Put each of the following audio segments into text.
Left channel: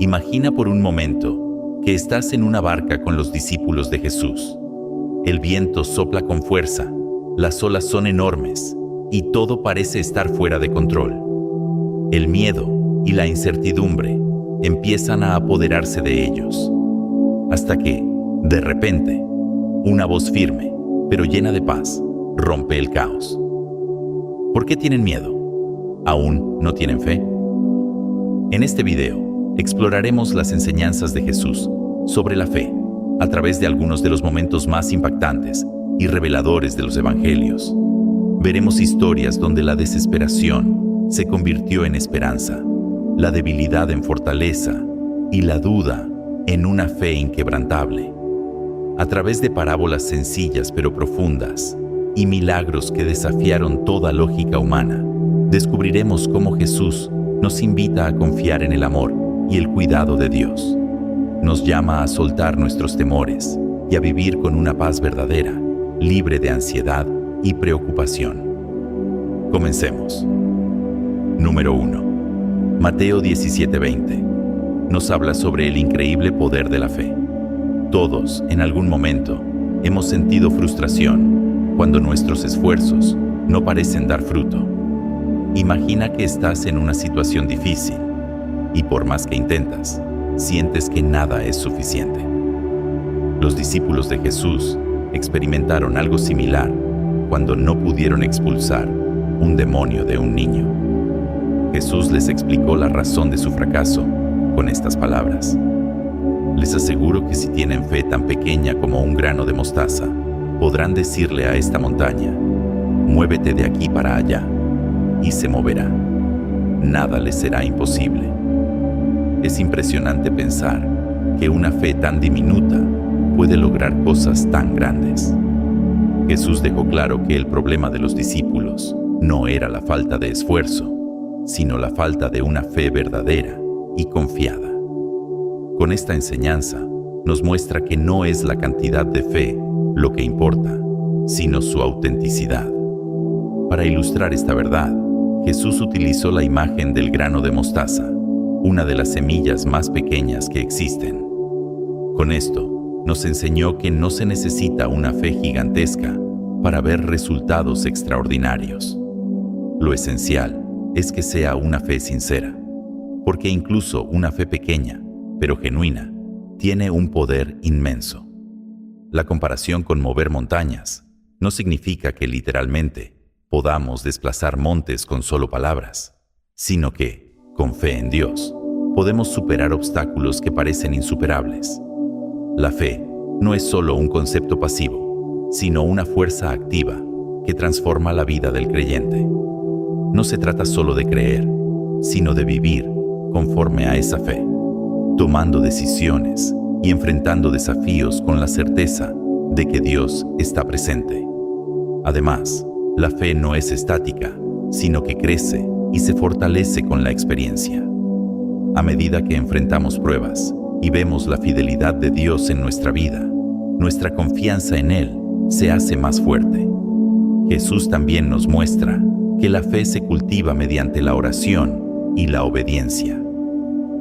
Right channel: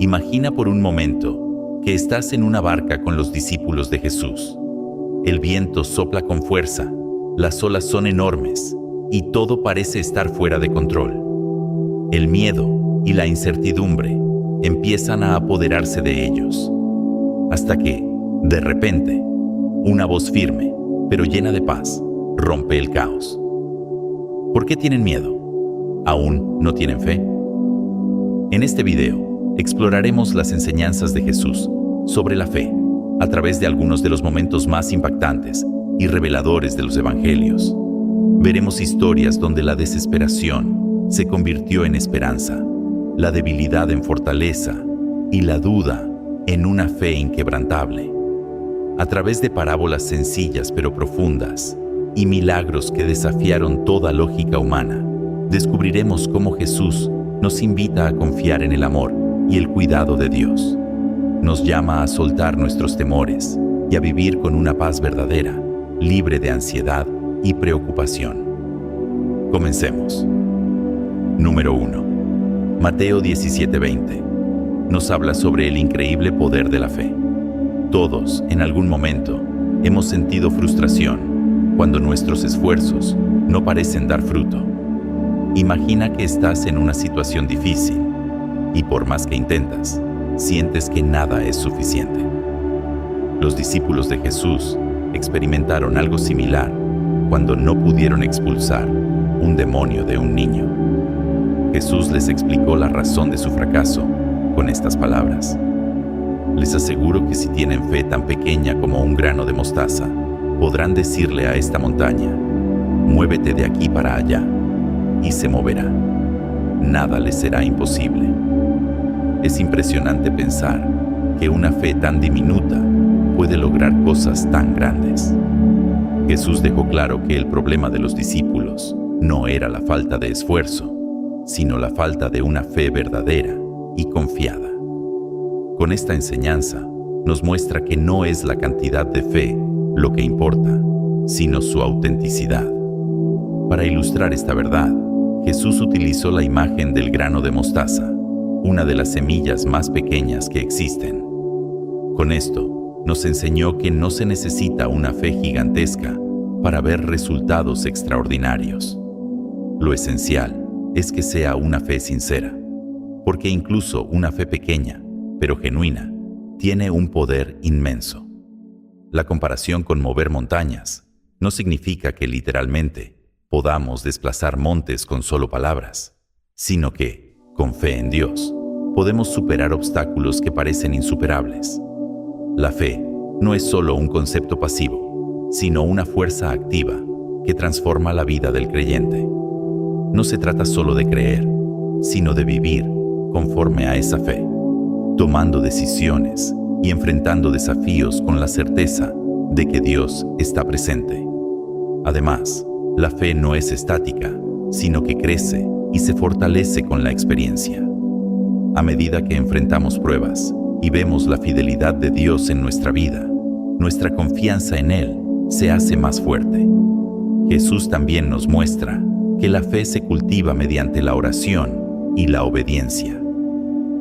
Imagina por un momento que estás en una barca con los discípulos de Jesús. El viento sopla con fuerza, las olas son enormes y todo parece estar fuera de control. El miedo y la incertidumbre empiezan a apoderarse de ellos. Hasta que, de repente, una voz firme, pero llena de paz, rompe el caos. ¿Por qué tienen miedo? ¿Aún no tienen fe? En este video, exploraremos las enseñanzas de Jesús sobre la fe a través de algunos de los momentos más impactantes y reveladores de los evangelios. Veremos historias donde la desesperación se convirtió en esperanza, la debilidad en fortaleza y la duda en una fe inquebrantable. A través de parábolas sencillas pero profundas y milagros que desafiaron toda lógica humana, descubriremos cómo Jesús nos invita a confiar en el amor y el cuidado de Dios. Nos llama a soltar nuestros temores y a vivir con una paz verdadera, libre de ansiedad y preocupación. Comencemos. Número 1. Mateo 17:20. Nos habla sobre el increíble poder de la fe. Todos, en algún momento, hemos sentido frustración cuando nuestros esfuerzos no parecen dar fruto. Imagina que estás en una situación difícil y por más que intentas, sientes que nada es suficiente. Los discípulos de Jesús experimentaron algo similar cuando no pudieron expulsar un demonio de un niño. Jesús les explicó la razón de su fracaso con estas palabras. Les aseguro que si tienen fe tan pequeña como un grano de mostaza, podrán decirle a esta montaña, muévete de aquí para allá, y se moverá. Nada les será imposible. Es impresionante pensar que una fe tan diminuta puede lograr cosas tan grandes. Jesús dejó claro que el problema de los discípulos no era la falta de esfuerzo, sino la falta de una fe verdadera y confiada. Con esta enseñanza, nos muestra que no es la cantidad de fe lo que importa, sino su autenticidad. Para ilustrar esta verdad, Jesús utilizó la imagen del grano de mostaza, una de las semillas más pequeñas que existen. Con esto, nos enseñó que no se necesita una fe gigantesca para ver resultados extraordinarios. Lo esencial es que sea una fe sincera, porque incluso una fe pequeña, pero genuina, tiene un poder inmenso. La comparación con mover montañas no significa que literalmente podamos desplazar montes con solo palabras, sino que, con fe en Dios, podemos superar obstáculos que parecen insuperables. La fe no es solo un concepto pasivo, sino una fuerza activa que transforma la vida del creyente. No se trata solo de creer, sino de vivir conforme a esa fe, tomando decisiones y enfrentando desafíos con la certeza de que Dios está presente. Además, la fe no es estática, sino que crece y se fortalece con la experiencia. A medida que enfrentamos pruebas y vemos la fidelidad de Dios en nuestra vida, nuestra confianza en Él se hace más fuerte. Jesús también nos muestra que la fe se cultiva mediante la oración y la obediencia.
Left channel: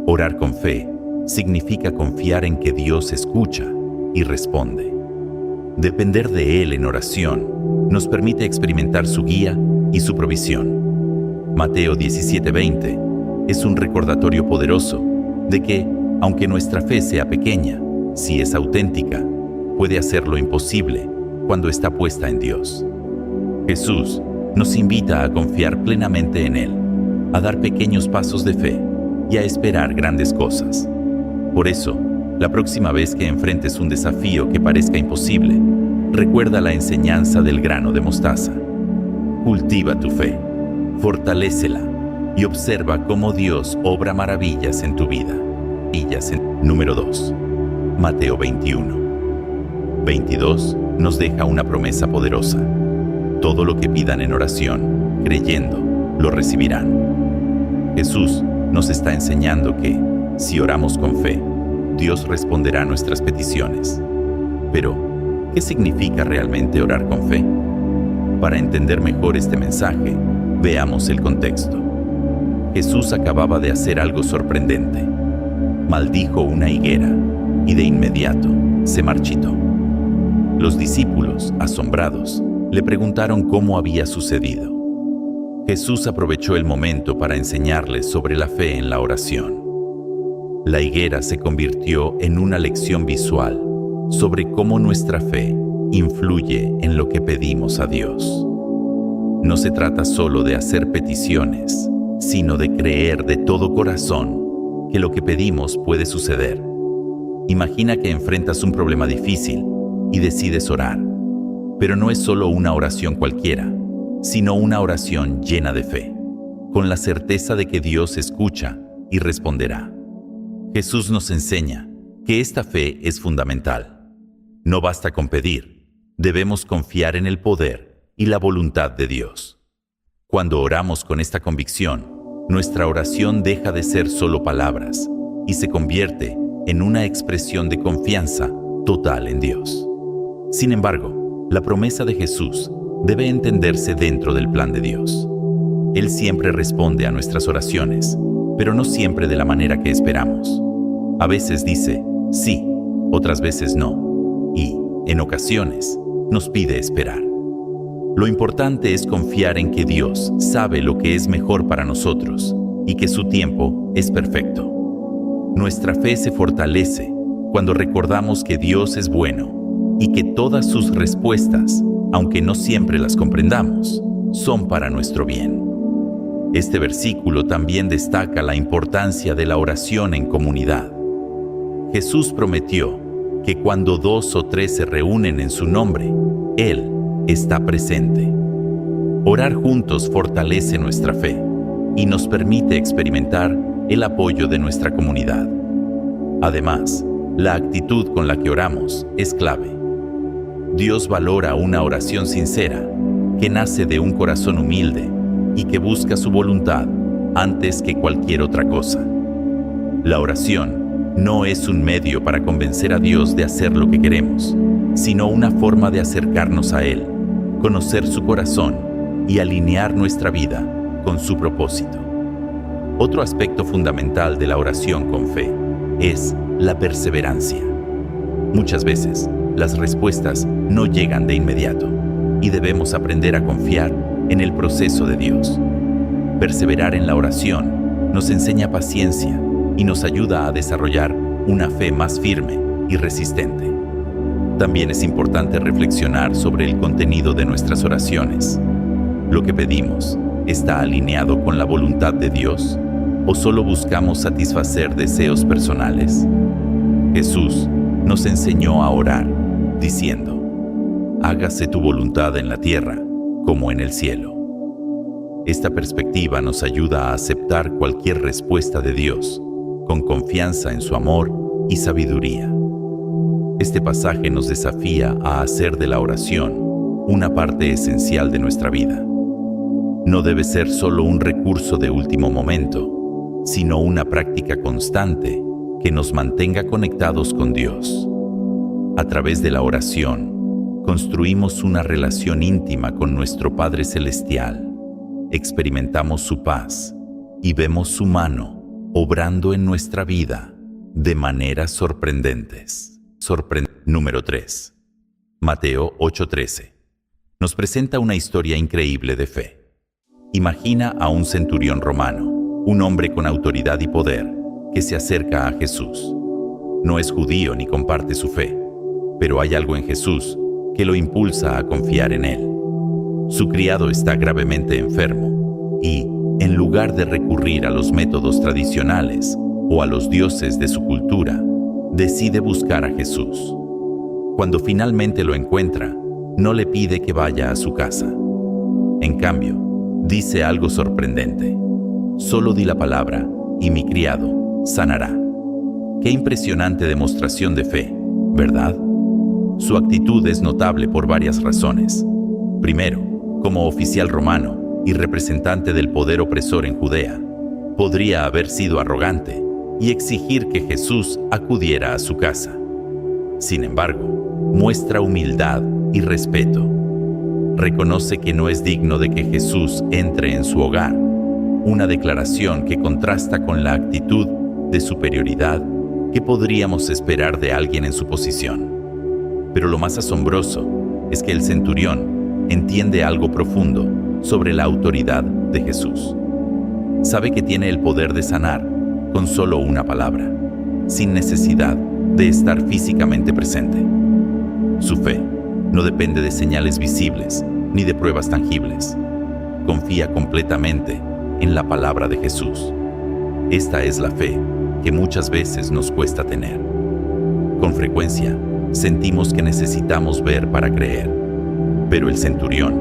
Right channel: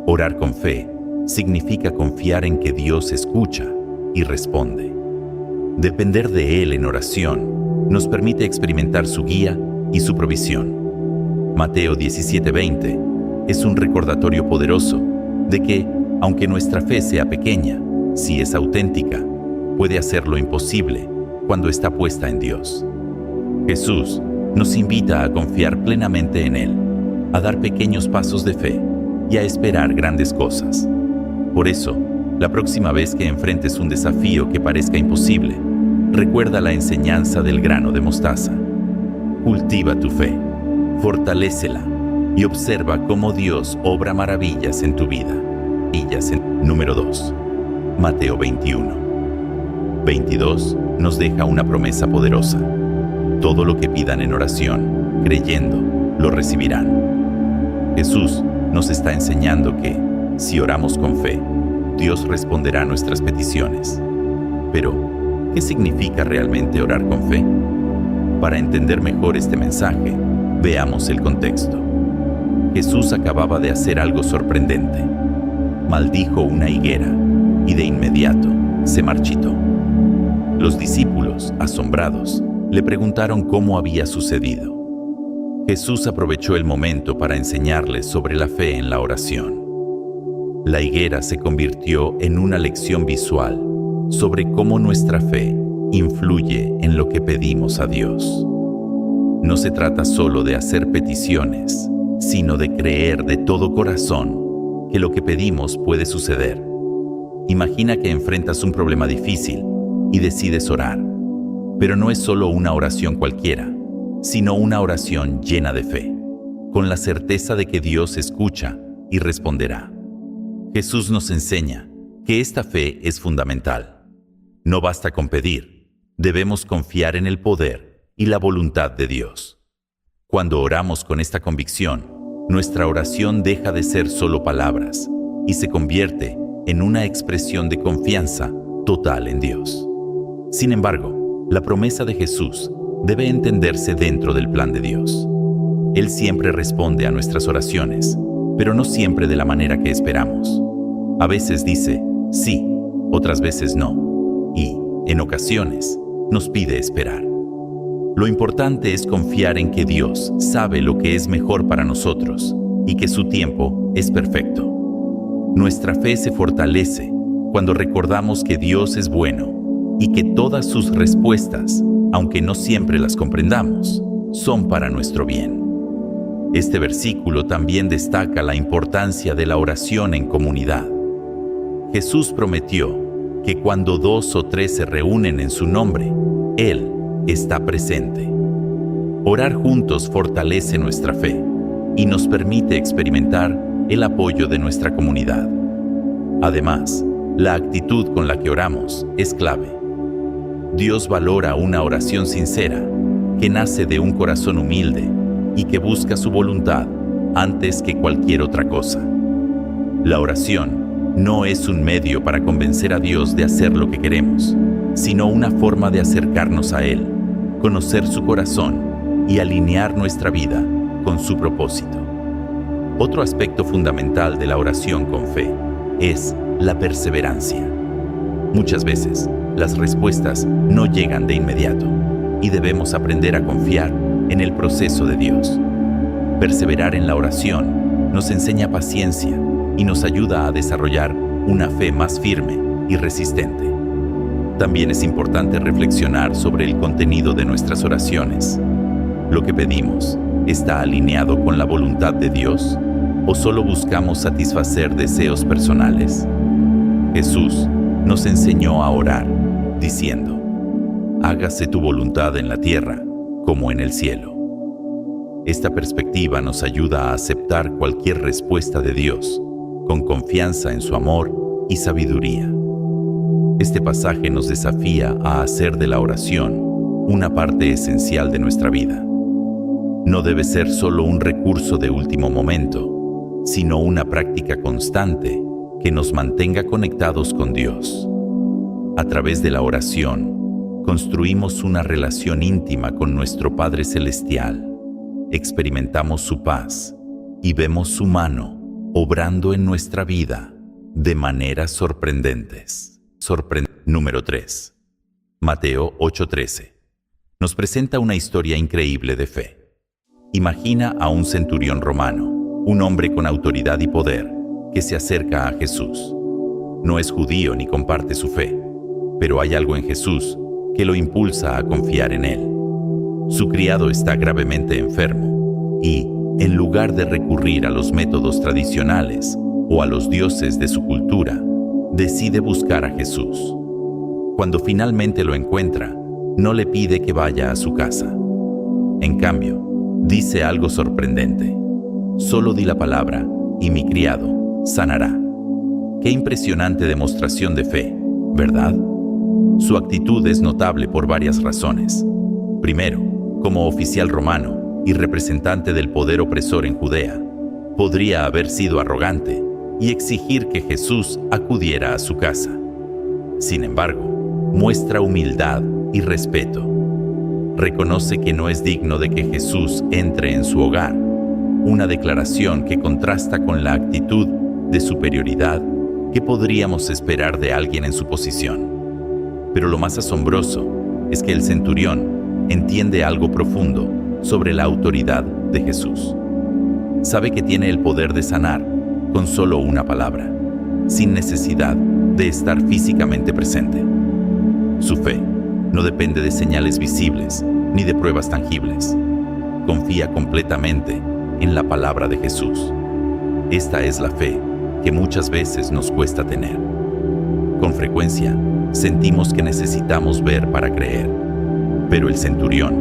Orar con fe significa confiar en que Dios escucha y responde. Depender de Él en oración nos permite experimentar su guía y su provisión. Mateo 17:20 es un recordatorio poderoso de que, aunque nuestra fe sea pequeña, si es auténtica, puede hacer lo imposible cuando está puesta en Dios. Jesús nos invita a confiar plenamente en Él, a dar pequeños pasos de fe y a esperar grandes cosas. Por eso, la próxima vez que enfrentes un desafío que parezca imposible, recuerda la enseñanza del grano de mostaza. Cultiva tu fe, fortalécela y observa cómo Dios obra maravillas en tu vida. Número 2. Mateo 21:22 nos deja una promesa poderosa. Todo lo que pidan en oración, creyendo, lo recibirán. Jesús nos está enseñando que, si oramos con fe, Dios responderá a nuestras peticiones. Pero, ¿qué significa realmente orar con fe? Para entender mejor este mensaje, veamos el contexto. Jesús acababa de hacer algo sorprendente. maldijo una higuera y de inmediato se marchitó. Los discípulos, asombrados, le preguntaron cómo había sucedido. Jesús aprovechó el momento para enseñarles sobre la fe en la oración. La higuera se convirtió en una lección visual sobre cómo nuestra fe influye en lo que pedimos a Dios. No se trata solo de hacer peticiones, sino de creer de todo corazón que lo que pedimos puede suceder. Imagina que enfrentas un problema difícil y decides orar, pero no es solo una oración cualquiera, sino una oración llena de fe, con la certeza de que Dios escucha y responderá. Jesús nos enseña que esta fe es fundamental. No basta con pedir, debemos confiar en el poder y la voluntad de Dios. Cuando oramos con esta convicción, nuestra oración deja de ser solo palabras y se convierte en una expresión de confianza total en Dios. Sin embargo, la promesa de Jesús debe entenderse dentro del plan de Dios. Él siempre responde a nuestras oraciones, pero no siempre de la manera que esperamos. A veces dice sí, otras veces no, y, en ocasiones, nos pide esperar. Lo importante es confiar en que Dios sabe lo que es mejor para nosotros y que su tiempo es perfecto. Nuestra fe se fortalece cuando recordamos que Dios es bueno y que todas sus respuestas, aunque no siempre las comprendamos, son para nuestro bien. Este versículo también destaca la importancia de la oración en comunidad. Jesús prometió que cuando 2 o 3 se reúnen en su nombre, Él está presente. Orar juntos fortalece nuestra fe y nos permite experimentar el apoyo de nuestra comunidad. Además, la actitud con la que oramos es clave. Dios valora una oración sincera que nace de un corazón humilde y que busca su voluntad antes que cualquier otra cosa. La oración no es un medio para convencer a Dios de hacer lo que queremos, sino una forma de acercarnos a Él, conocer su corazón y alinear nuestra vida con su propósito. Otro aspecto fundamental de la oración con fe es la perseverancia. Muchas veces, las respuestas no llegan de inmediato y debemos aprender a confiar en el proceso de Dios. Perseverar en la oración nos enseña paciencia y nos ayuda a desarrollar una fe más firme y resistente. También es importante reflexionar sobre el contenido de nuestras oraciones. ¿Lo que pedimos está alineado con la voluntad de Dios o solo buscamos satisfacer deseos personales? Jesús nos enseñó a orar, diciendo: hágase tu voluntad en la tierra como en el cielo. Esta perspectiva nos ayuda a aceptar cualquier respuesta de Dios con confianza en su amor y sabiduría. Este pasaje nos desafía a hacer de la oración una parte esencial de nuestra vida. No debe ser solo un recurso de último momento, sino una práctica constante que nos mantenga conectados con Dios. A través de la oración, construimos una relación íntima con nuestro Padre Celestial, experimentamos su paz y vemos su mano obrando en nuestra vida de maneras sorprendentes. Número 3. Mateo 8:13. Nos presenta una historia increíble de fe. Imagina a un centurión romano, un hombre con autoridad y poder, que se acerca a Jesús. No es judío ni comparte su fe, pero hay algo en Jesús que lo impulsa a confiar en él. Su criado está gravemente enfermo y, en lugar de recurrir a los métodos tradicionales o a los dioses de su cultura, decide buscar a Jesús. Cuando finalmente lo encuentra, no le pide que vaya a su casa. En cambio, dice algo sorprendente: solo di la palabra y mi criado sanará. Qué impresionante demostración de fe, ¿verdad? Su actitud es notable por varias razones. Primero, como oficial romano y representante del poder opresor en Judea, podría haber sido arrogante y exigir que Jesús acudiera a su casa. Sin embargo, muestra humildad y respeto. Reconoce que no es digno de que Jesús entre en su hogar, una declaración que contrasta con la actitud de superioridad ¿Qué podríamos esperar de alguien en su posición? Pero lo más asombroso es que el centurión entiende algo profundo sobre la autoridad de Jesús. Sabe que tiene el poder de sanar con solo una palabra, sin necesidad de estar físicamente presente. Su fe no depende de señales visibles ni de pruebas tangibles. Confía completamente en la palabra de Jesús. Esta es la fe que muchas veces nos cuesta tener. Con frecuencia, sentimos que necesitamos ver para creer, pero el centurión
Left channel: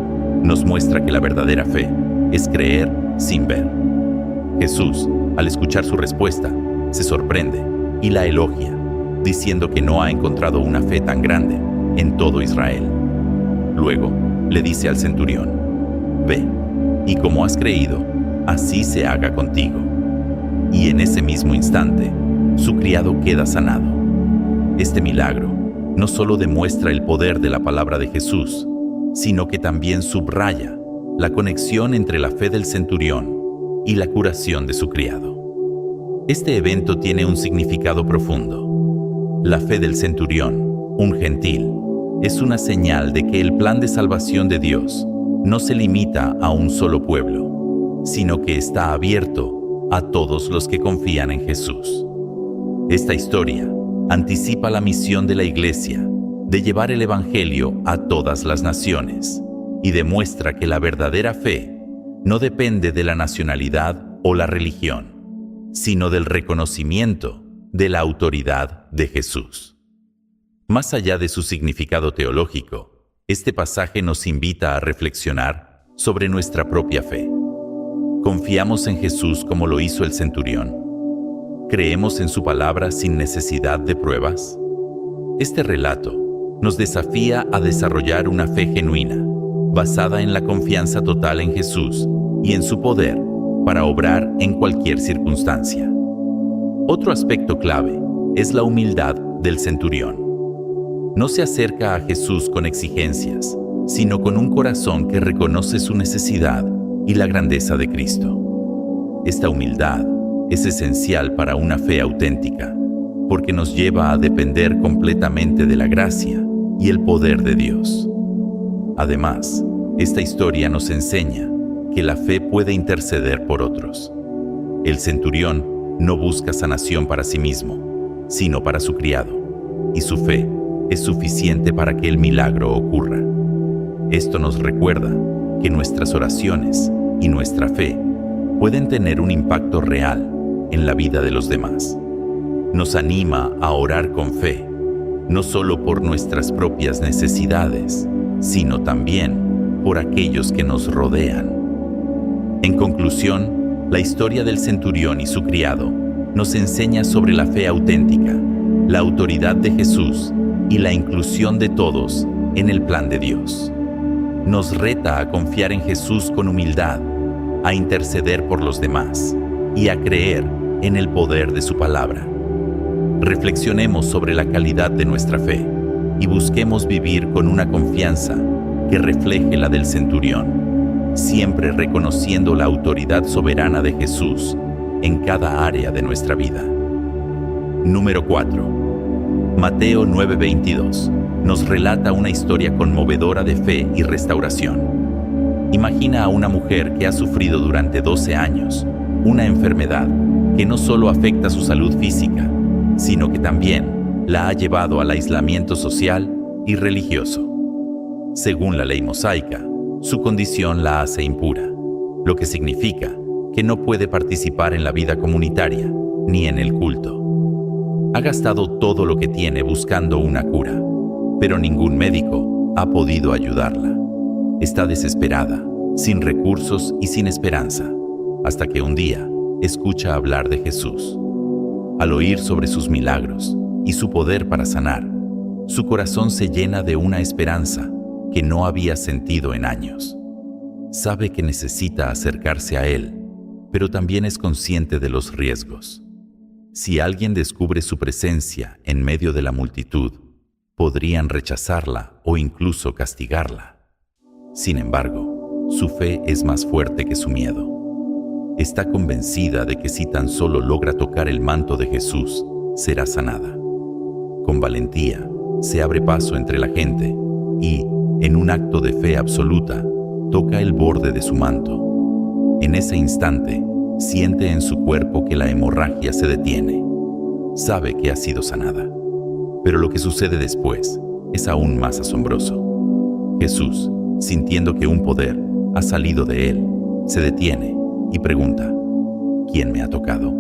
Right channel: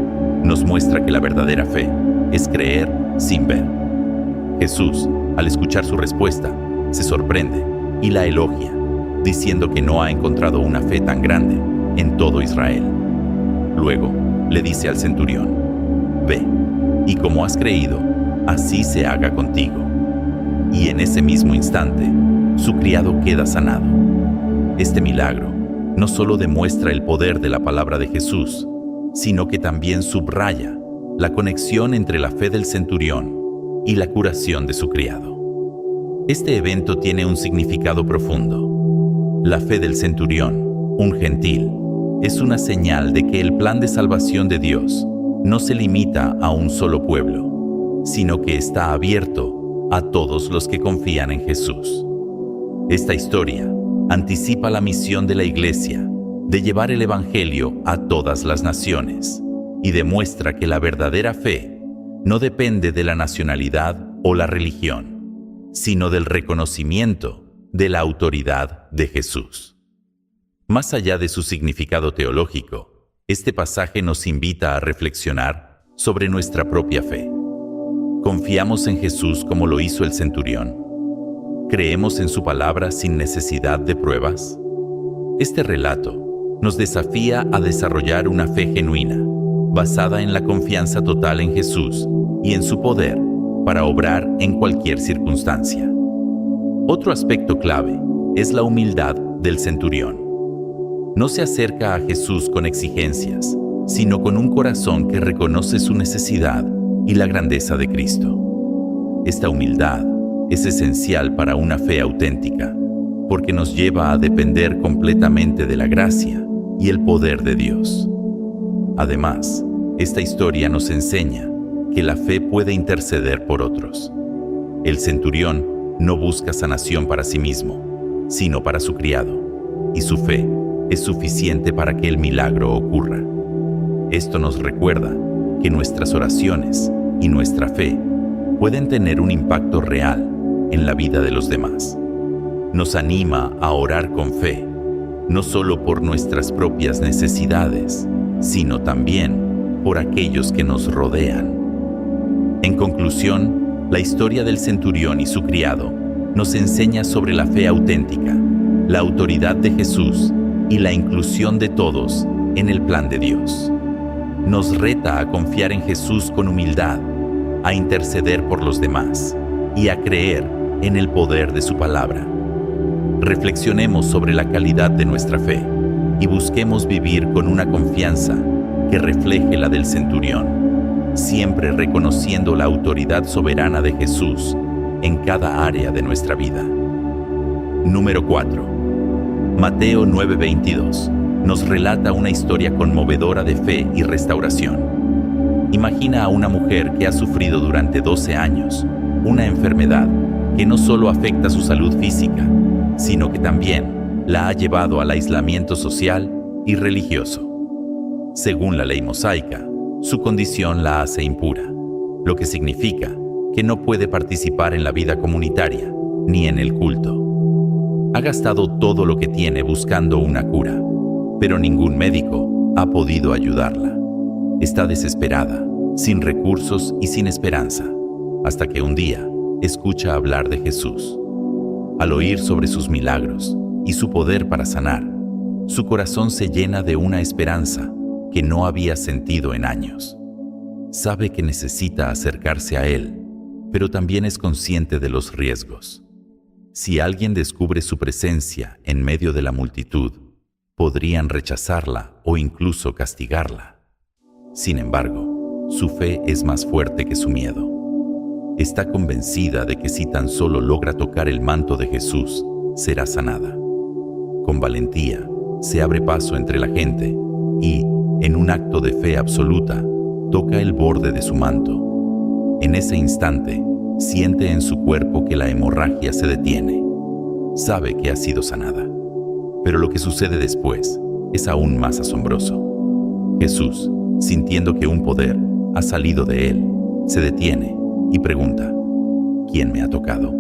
nos muestra que la verdadera fe es creer sin ver. Jesús, al escuchar su respuesta, se sorprende y la elogia, diciendo que no ha encontrado una fe tan grande en todo Israel. Luego, le dice al centurión: «Ve, y como has creído, así se haga contigo». Y en ese mismo instante, su criado queda sanado. Este milagro no solo demuestra el poder de la palabra de Jesús, sino que también subraya la conexión entre la fe del centurión y la curación de su criado. Este evento tiene un significado profundo. La fe del centurión, un gentil, es una señal de que el plan de salvación de Dios no se limita a un solo pueblo, sino que está abierto a todos los que confían en Jesús. Esta historia anticipa la misión de la Iglesia de llevar el Evangelio a todas las naciones y demuestra que la verdadera fe no depende de la nacionalidad o la religión, sino del reconocimiento de la autoridad de Jesús. Más allá de su significado teológico, este pasaje nos invita a reflexionar sobre nuestra propia fe. ¿Confiamos en Jesús como lo hizo el centurión? ¿Creemos en su palabra sin necesidad de pruebas? Este relato nos desafía a desarrollar una fe genuina, basada en la confianza total en Jesús y en su poder para obrar en cualquier circunstancia. Otro aspecto clave es la humildad del centurión. No se acerca a Jesús con exigencias, sino con un corazón que reconoce su necesidad y la grandeza de Cristo. Esta humildad es esencial para una fe auténtica, porque nos lleva a depender completamente de la gracia y el poder de Dios. Además, esta historia nos enseña que la fe puede interceder por otros. El centurión no busca sanación para sí mismo, sino para su criado, y su fe es suficiente para que el milagro ocurra. Esto nos recuerda que nuestras oraciones y nuestra fe pueden tener un impacto real en la vida de los demás. Nos anima a orar con fe, no solo por nuestras propias necesidades, sino también por aquellos que nos rodean. En conclusión, la historia del centurión y su criado nos enseña sobre la fe auténtica, la autoridad de Jesús y la inclusión de todos en el plan de Dios. Nos reta a confiar en Jesús con humildad, a interceder por los demás y a creer en el poder de su palabra. Reflexionemos sobre la calidad de nuestra fe y busquemos vivir con una confianza que refleje la del centurión, siempre reconociendo la autoridad soberana de Jesús en cada área de nuestra vida. Número 4. Mateo 9:22 nos relata una historia conmovedora de fe y restauración. Imagina a una mujer que ha sufrido durante 12 años una enfermedad que no solo afecta su salud física, sino que también la ha llevado al aislamiento social y religioso. Según la ley mosaica, su condición la hace impura, lo que significa que no puede participar en la vida comunitaria ni en el culto. Ha gastado todo lo que tiene buscando una cura, pero ningún médico ha podido ayudarla. Está desesperada, sin recursos y sin esperanza, hasta que un día escucha hablar de Jesús. Al oír sobre sus milagros y su poder para sanar, su corazón se llena de una esperanza que no había sentido en años. Sabe que necesita acercarse a Él, pero también es consciente de los riesgos. Si alguien descubre su presencia en medio de la multitud, podrían rechazarla o incluso castigarla. Sin embargo, su fe es más fuerte que su miedo. Está convencida de que si tan solo logra tocar el manto de Jesús, será sanada. Con valentía, se abre paso entre la gente y, en un acto de fe absoluta, toca el borde de su manto. En ese instante, siente en su cuerpo que la hemorragia se detiene. Sabe que ha sido sanada. Pero lo que sucede después es aún más asombroso. Jesús, sintiendo que un poder ha salido de él, se detiene y pregunta: ¿quién me ha tocado?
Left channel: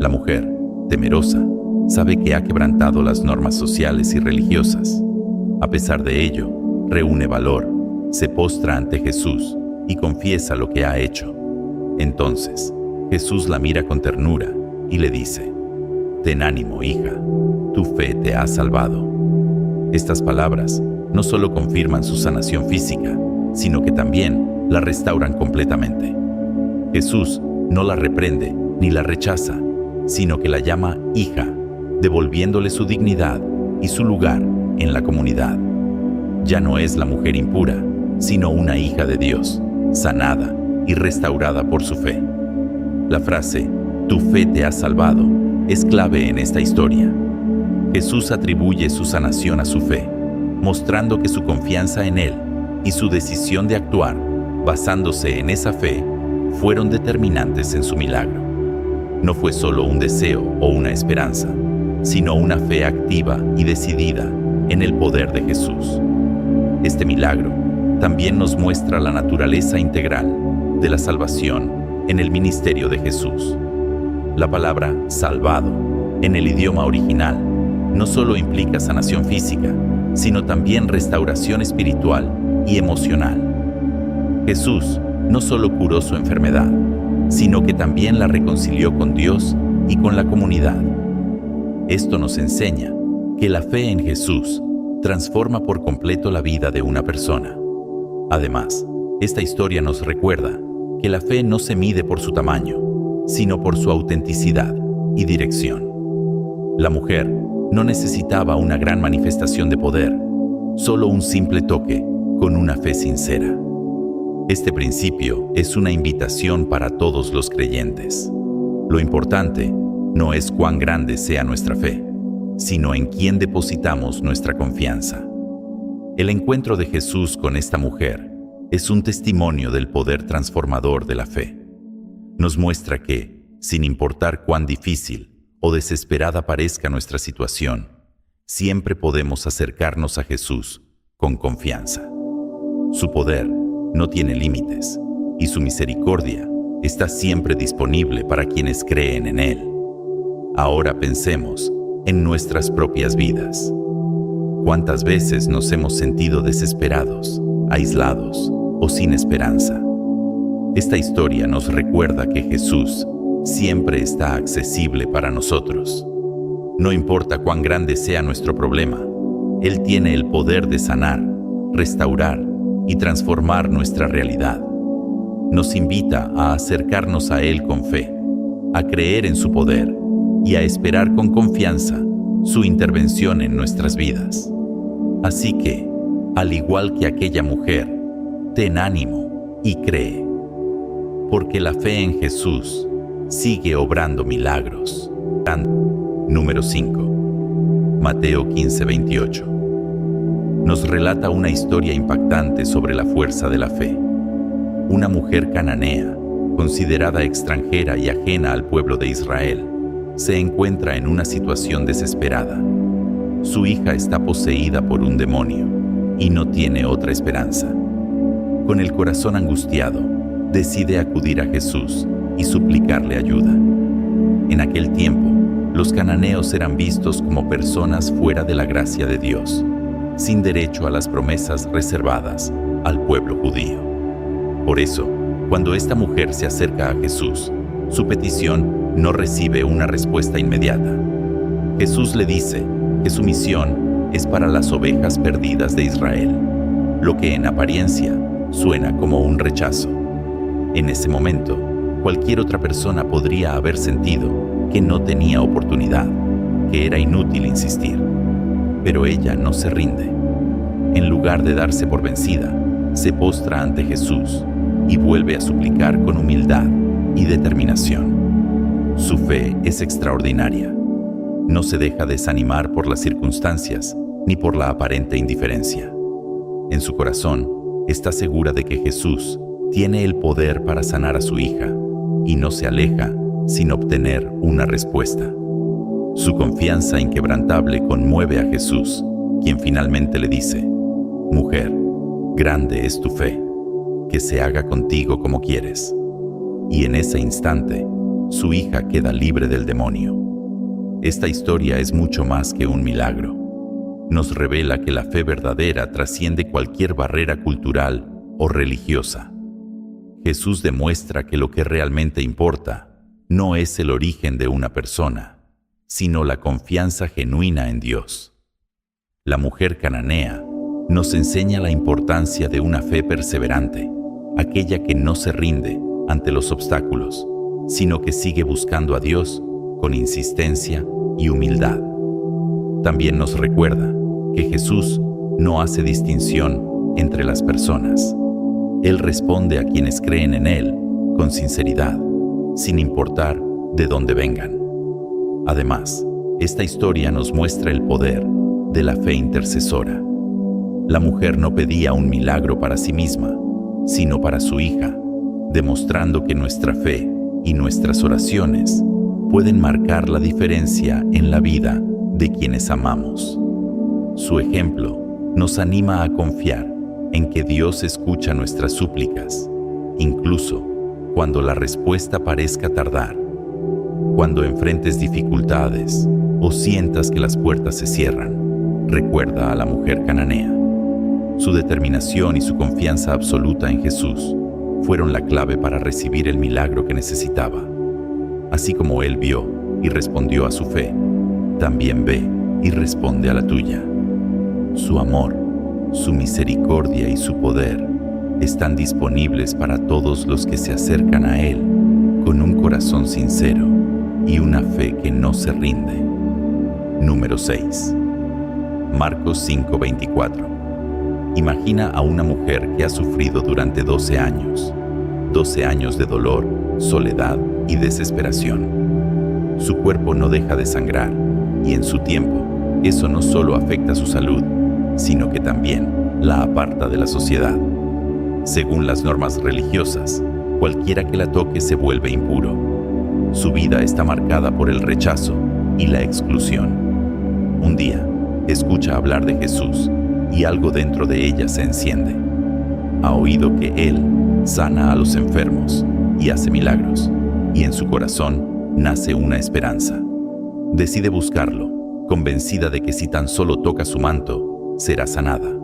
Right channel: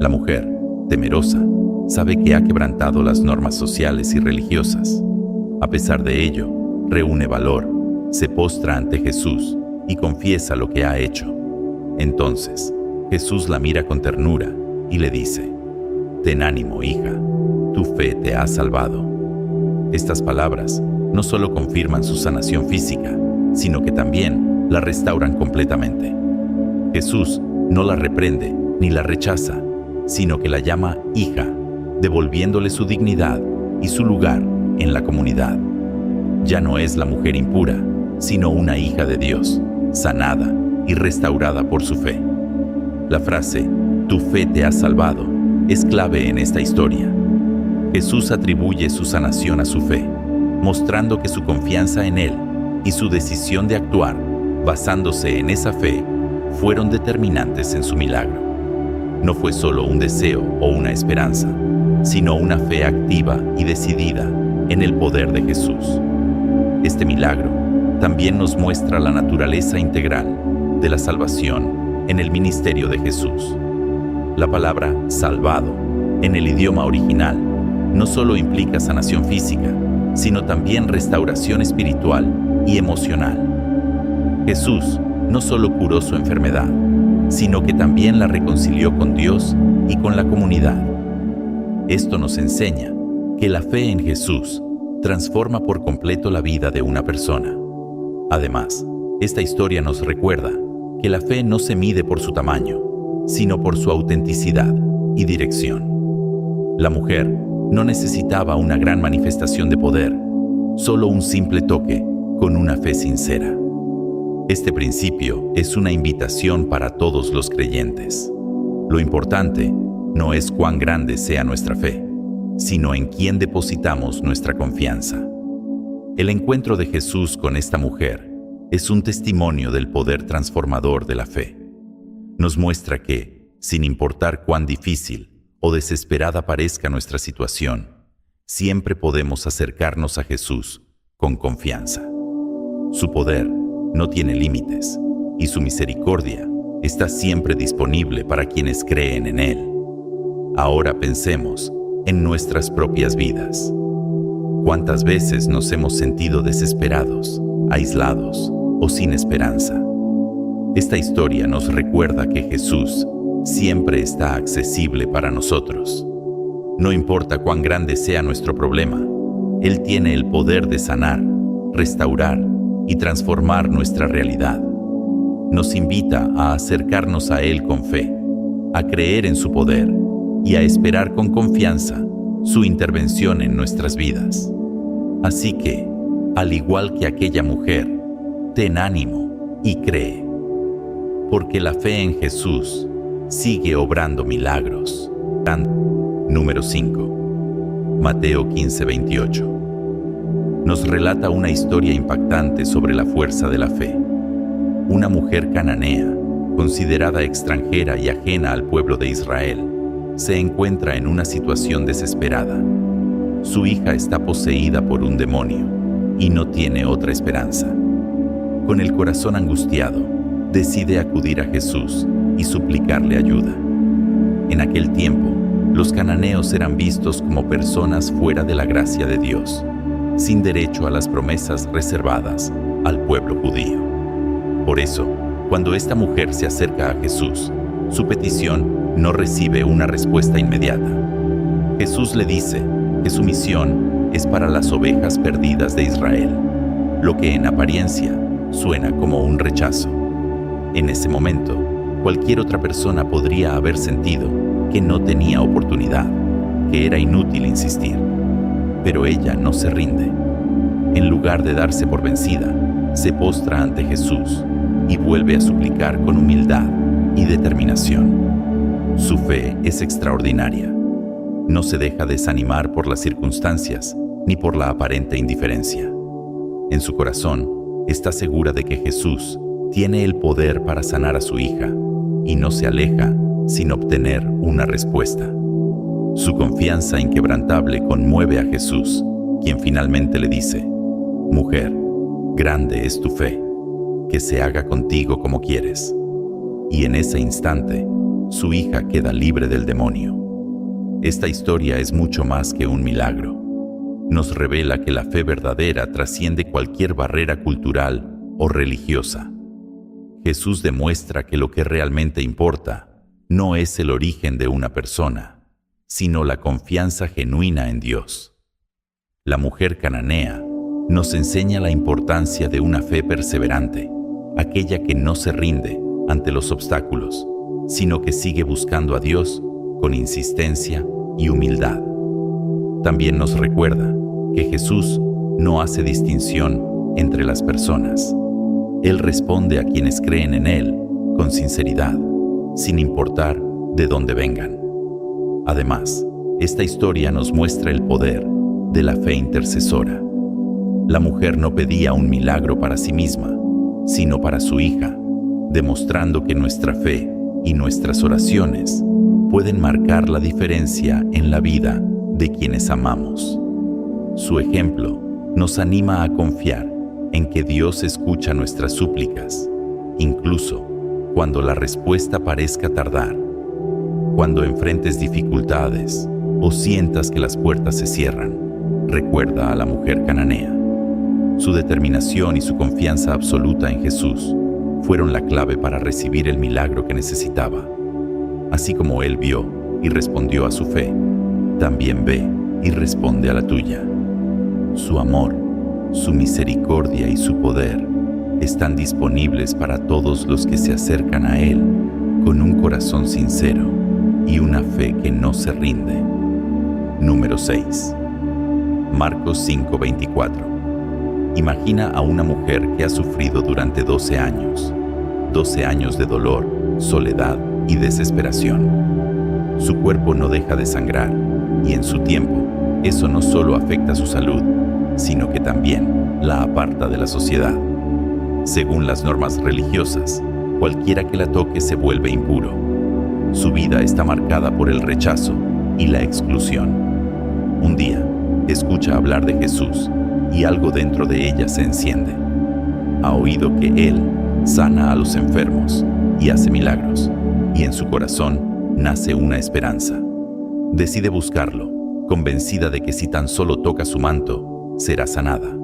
La mujer, temerosa, sabe que ha quebrantado las normas sociales y religiosas. A pesar de ello, reúne valor, se postra ante Jesús y confiesa lo que ha hecho. Entonces, Jesús la mira con ternura y le dice: «Ten ánimo, hija, tu fe te ha salvado». Estas palabras no solo confirman su sanación física, sino que también la restauran completamente. Jesús no la reprende ni la rechaza, sino que la llama hija, devolviéndole su dignidad y su lugar en la comunidad. Ya no es la mujer impura, sino una hija de Dios, sanada y restaurada por su fe. La frase «tu fe te ha salvado» es clave en esta historia. Jesús atribuye su sanación a su fe, mostrando que su confianza en Él y su decisión de actuar, basándose en esa fe, fueron determinantes en su milagro. No fue solo un deseo o una esperanza, sino una fe activa y decidida en el poder de Jesús. Este milagro también nos muestra la naturaleza integral de la salvación en el ministerio de Jesús. La palabra salvado, en el idioma original, no solo implica sanación física, sino también restauración espiritual y emocional. Jesús no solo curó su enfermedad, sino que también la reconcilió con Dios y con la comunidad. Esto nos enseña que la fe en Jesús transforma por completo la vida de una persona. Además, esta historia nos recuerda que la fe no se mide por su tamaño, sino por su autenticidad y dirección. La mujer no necesitaba una gran manifestación de poder, solo un simple toque con una fe sincera. Este principio es una invitación para todos los creyentes. Lo importante no es cuán grande sea nuestra fe, sino en quién depositamos nuestra confianza. El encuentro de Jesús con esta mujer es un testimonio del poder transformador de la fe. Nos muestra que, sin importar cuán difícil o desesperada parezca nuestra situación, siempre podemos acercarnos a Jesús con confianza. Su poder no tiene límites y su misericordia está siempre disponible para quienes creen en Él. Ahora pensemos en nuestras propias vidas. ¿Cuántas veces nos hemos sentido desesperados, aislados o sin esperanza? Esta historia nos recuerda que Jesús siempre está accesible para nosotros. No importa cuán grande sea nuestro problema, Él tiene el poder de sanar, restaurar y transformar nuestra realidad. Nos invita a acercarnos a Él con fe, a creer en su poder y a esperar con confianza su intervención en nuestras vidas. Así que, al igual que aquella mujer, ten ánimo y cree, porque la fe en Jesús sigue obrando milagros. Número 5. Mateo 15:28. Nos relata una historia impactante sobre la fuerza de la fe. Una mujer cananea, considerada extranjera y ajena al pueblo de Israel, se encuentra en una situación desesperada. Su hija está poseída por un demonio y no tiene otra esperanza. Con el corazón angustiado, decide acudir a Jesús y suplicarle ayuda. En aquel tiempo, los cananeos eran vistos como personas fuera de la gracia de Dios, sin derecho a las promesas reservadas al pueblo judío. Por eso, cuando esta mujer se acerca a Jesús, su petición no recibe una respuesta inmediata. Jesús le dice que su misión es para las ovejas perdidas de Israel, lo que en apariencia suena como un rechazo. En ese momento, cualquier otra persona podría haber sentido que no tenía oportunidad, que era inútil insistir. Pero ella no se rinde. En lugar de darse por vencida, se postra ante Jesús y vuelve a suplicar con humildad y determinación. Su fe es extraordinaria. no se deja desanimar por las circunstancias ni por la aparente indiferencia. En su corazón está segura de que Jesús tiene el poder para sanar a su hija y no se aleja sin obtener una respuesta. Su confianza inquebrantable conmueve a Jesús, quien finalmente le dice: «Mujer, grande es tu fe, que se haga contigo como quieres». Y en ese instante, su hija queda libre del demonio. Esta historia es mucho más que un milagro. Nos revela que la fe verdadera trasciende cualquier barrera cultural o religiosa. Jesús demuestra que lo que realmente importa no es el origen de una persona, sino la confianza genuina en Dios. La mujer cananea nos enseña la importancia de una fe perseverante, aquella que no se rinde ante los obstáculos, sino que sigue buscando a Dios con insistencia y humildad. También nos recuerda que Jesús no hace distinción entre las personas. Él responde a quienes creen en Él con sinceridad, sin importar de dónde vengan. Además, esta historia nos muestra el poder de la fe intercesora. La mujer no pedía un milagro para sí misma, sino para su hija, demostrando que nuestra fe y nuestras oraciones pueden marcar la diferencia en la vida de quienes amamos. Su ejemplo nos anima a confiar en que Dios escucha nuestras súplicas, incluso cuando la respuesta parezca tardar. Cuando enfrentes dificultades o sientas que las puertas se cierran, recuerda a la mujer cananea. Su determinación y su confianza absoluta en Jesús fueron la clave para recibir el milagro que necesitaba. Así como Él vio y respondió a su fe, también ve y responde a la tuya. Su amor, su misericordia y su poder están disponibles para todos los que se acercan a Él con un corazón sincero y una fe que no se rinde. Número 6. Marcos 5:24. Imagina a una mujer que ha sufrido durante 12 años de dolor, soledad y desesperación. Su cuerpo no deja de sangrar y en su tiempo eso no solo afecta su salud, sino que también la aparta de la sociedad. Según las normas religiosas, cualquiera que la toque se vuelve impuro. Su vida está marcada por el rechazo y la exclusión. Un día, escucha hablar de Jesús y algo dentro de ella se enciende. Ha oído que Él sana a los enfermos y hace milagros, y en su corazón nace una esperanza. Decide buscarlo, convencida de que si tan solo toca su manto, será sanada.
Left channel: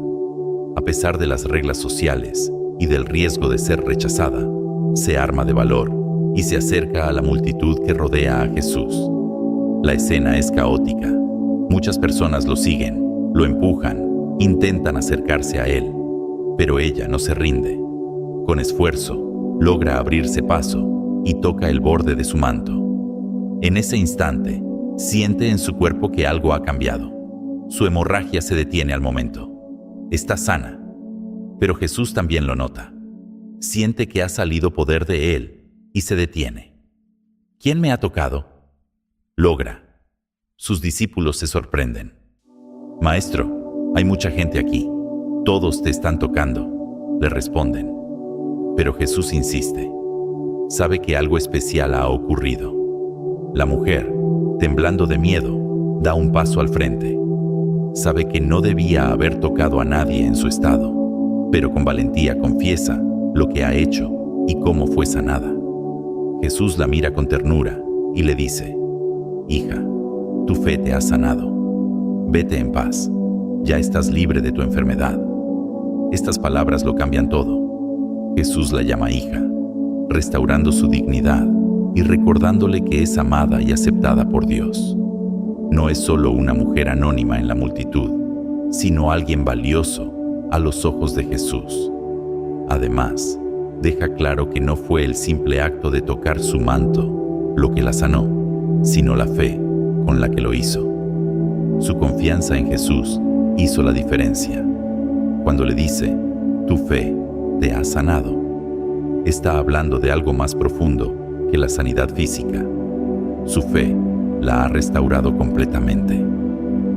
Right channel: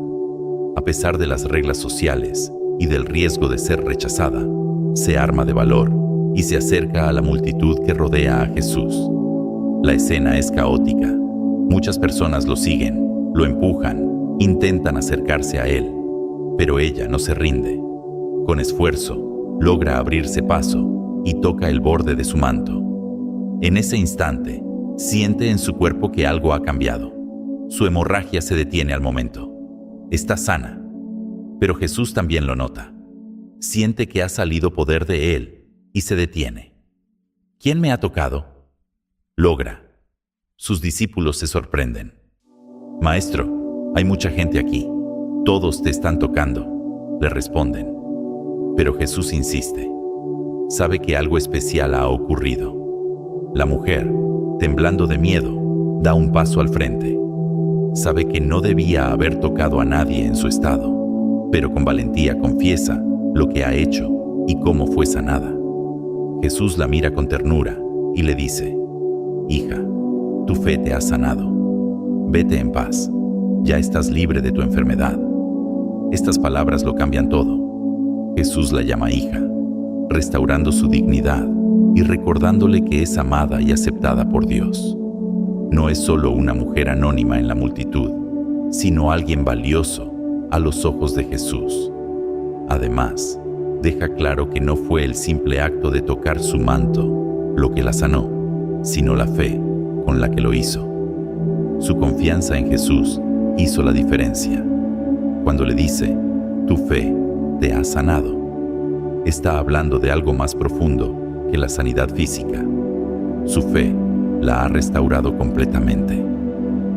A pesar de las reglas sociales y del riesgo de ser rechazada, se arma de valor y se acerca a la multitud que rodea a Jesús. La escena es caótica. Muchas personas lo siguen, lo empujan, intentan acercarse a Él, pero ella no se rinde. Con esfuerzo, logra abrirse paso y toca el borde de su manto. En ese instante, siente en su cuerpo que algo ha cambiado. Su hemorragia se detiene al momento. Está sana, pero Jesús también lo nota. Siente que ha salido poder de Él y se detiene. ¿Quién me ha tocado? Logra. Sus discípulos se sorprenden. Maestro, hay mucha gente aquí. Todos te están tocando, le responden. Pero Jesús insiste. Sabe que algo especial ha ocurrido. La mujer, temblando de miedo, da un paso al frente. Sabe que no debía haber tocado a nadie en su estado, pero con valentía confiesa lo que ha hecho y cómo fue sanada. Jesús la mira con ternura y le dice: «Hija, tu fe te ha sanado. Vete en paz. Ya estás libre de tu enfermedad». Estas palabras lo cambian todo. Jesús la llama hija, restaurando su dignidad y recordándole que es amada y aceptada por Dios. No es solo una mujer anónima en la multitud, sino alguien valioso a los ojos de Jesús. Además, deja claro que no fue el simple acto de tocar su manto lo que la sanó, sino la fe con la que lo hizo. Su confianza en Jesús hizo la diferencia. Cuando le dice: «Tu fe te ha sanado», está hablando de algo más profundo que la sanidad física. Su fe la ha restaurado completamente.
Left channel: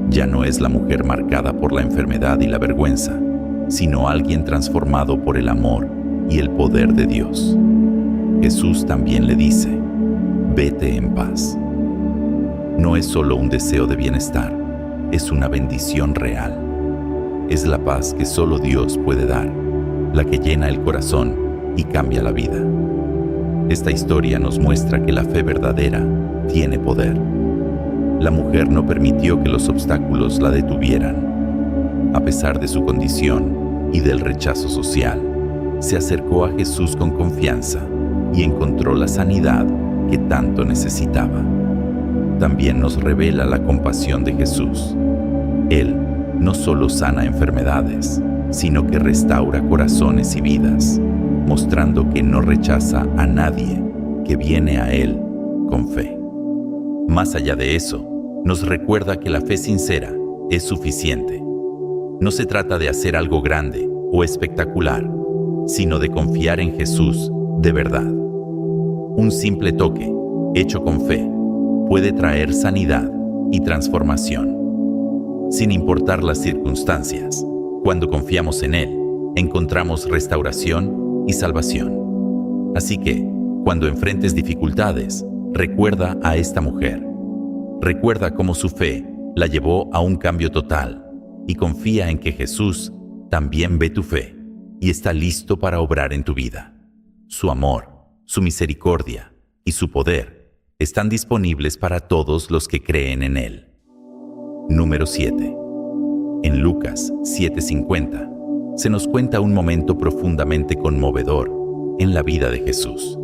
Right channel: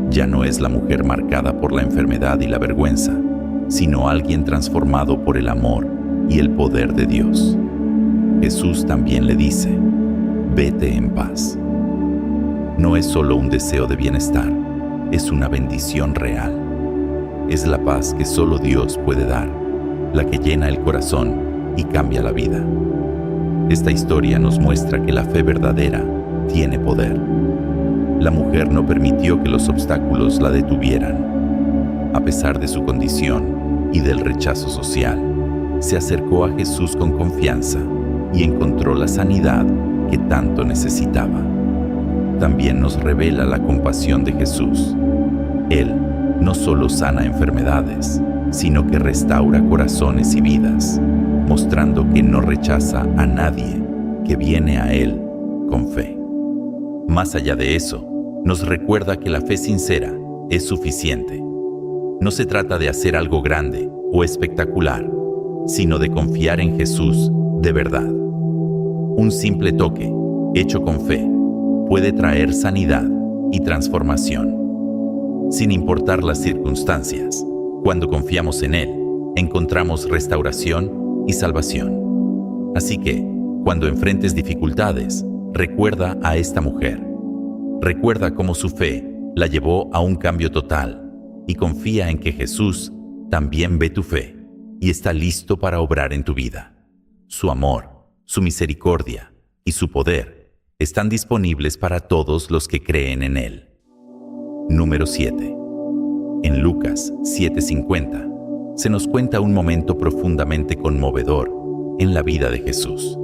Ya no es la mujer marcada por la enfermedad y la vergüenza, sino alguien transformado por el amor y el poder de Dios. Jesús también le dice: vete en paz. No es solo un deseo de bienestar, es una bendición real. Es la paz que solo Dios puede dar, la que llena el corazón y cambia la vida. Esta historia nos muestra que la fe verdadera tiene poder. La mujer no permitió que los obstáculos la detuvieran. A pesar de su condición y del rechazo social, se acercó a Jesús con confianza y encontró la sanidad que tanto necesitaba. También nos revela la compasión de Jesús. Él no solo sana enfermedades, sino que restaura corazones y vidas, mostrando que no rechaza a nadie que viene a Él con fe. Más allá de eso, nos recuerda que la fe sincera es suficiente. No se trata de hacer algo grande o espectacular, sino de confiar en Jesús de verdad. Un simple toque, hecho con fe, puede traer sanidad y transformación. Sin importar las circunstancias, cuando confiamos en Él, encontramos restauración y salvación. Así que, cuando enfrentes dificultades, recuerda a esta mujer. Recuerda cómo su fe la llevó a un cambio total y confía en que Jesús también ve tu fe y está listo para obrar en tu vida. Su amor, su misericordia y su poder están disponibles para todos los que creen en Él. Número 7. En Lucas 7:50 se nos cuenta un momento profundamente conmovedor en la vida de Jesús.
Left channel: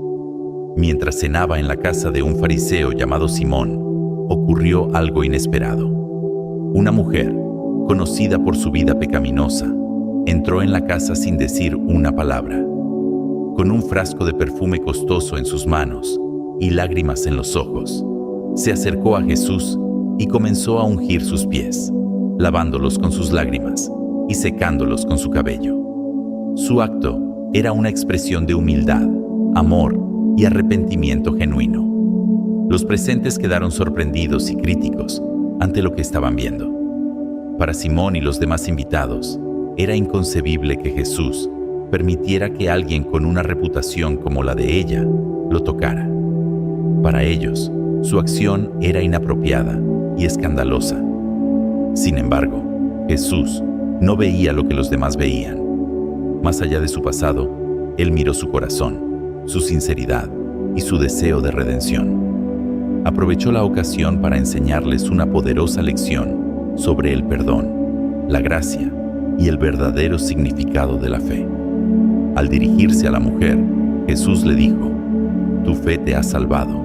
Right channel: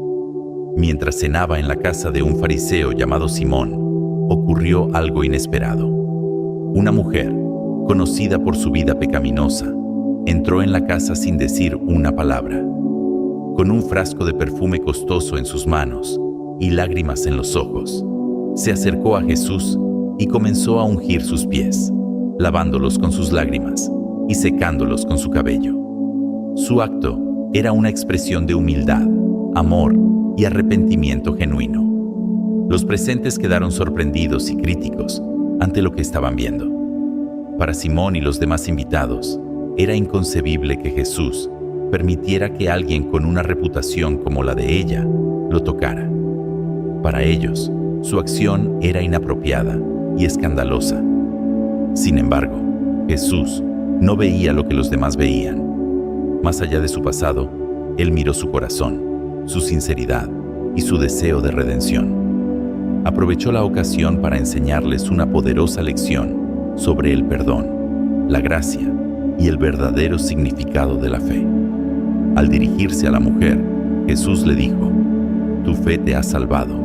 Mientras cenaba en la casa de un fariseo llamado Simón, ocurrió algo inesperado. Una mujer, conocida por su vida pecaminosa, entró en la casa sin decir una palabra. Con un frasco de perfume costoso en sus manos y lágrimas en los ojos, se acercó a Jesús y comenzó a ungir sus pies, lavándolos con sus lágrimas y secándolos con su cabello. Su acto era una expresión de humildad, amor y arrepentimiento genuino. Los presentes quedaron sorprendidos y críticos ante lo que estaban viendo. Para Simón y los demás invitados, era inconcebible que Jesús permitiera que alguien con una reputación como la de ella lo tocara. Para ellos, su acción era inapropiada y escandalosa. Sin embargo, Jesús no veía lo que los demás veían. Más allá de su pasado, Él miró su corazón, su sinceridad y su deseo de redención. Aprovechó la ocasión para enseñarles una poderosa lección sobre el perdón, la gracia y el verdadero significado de la fe. Al dirigirse a la mujer, Jesús le dijo: «Tu fe te ha salvado,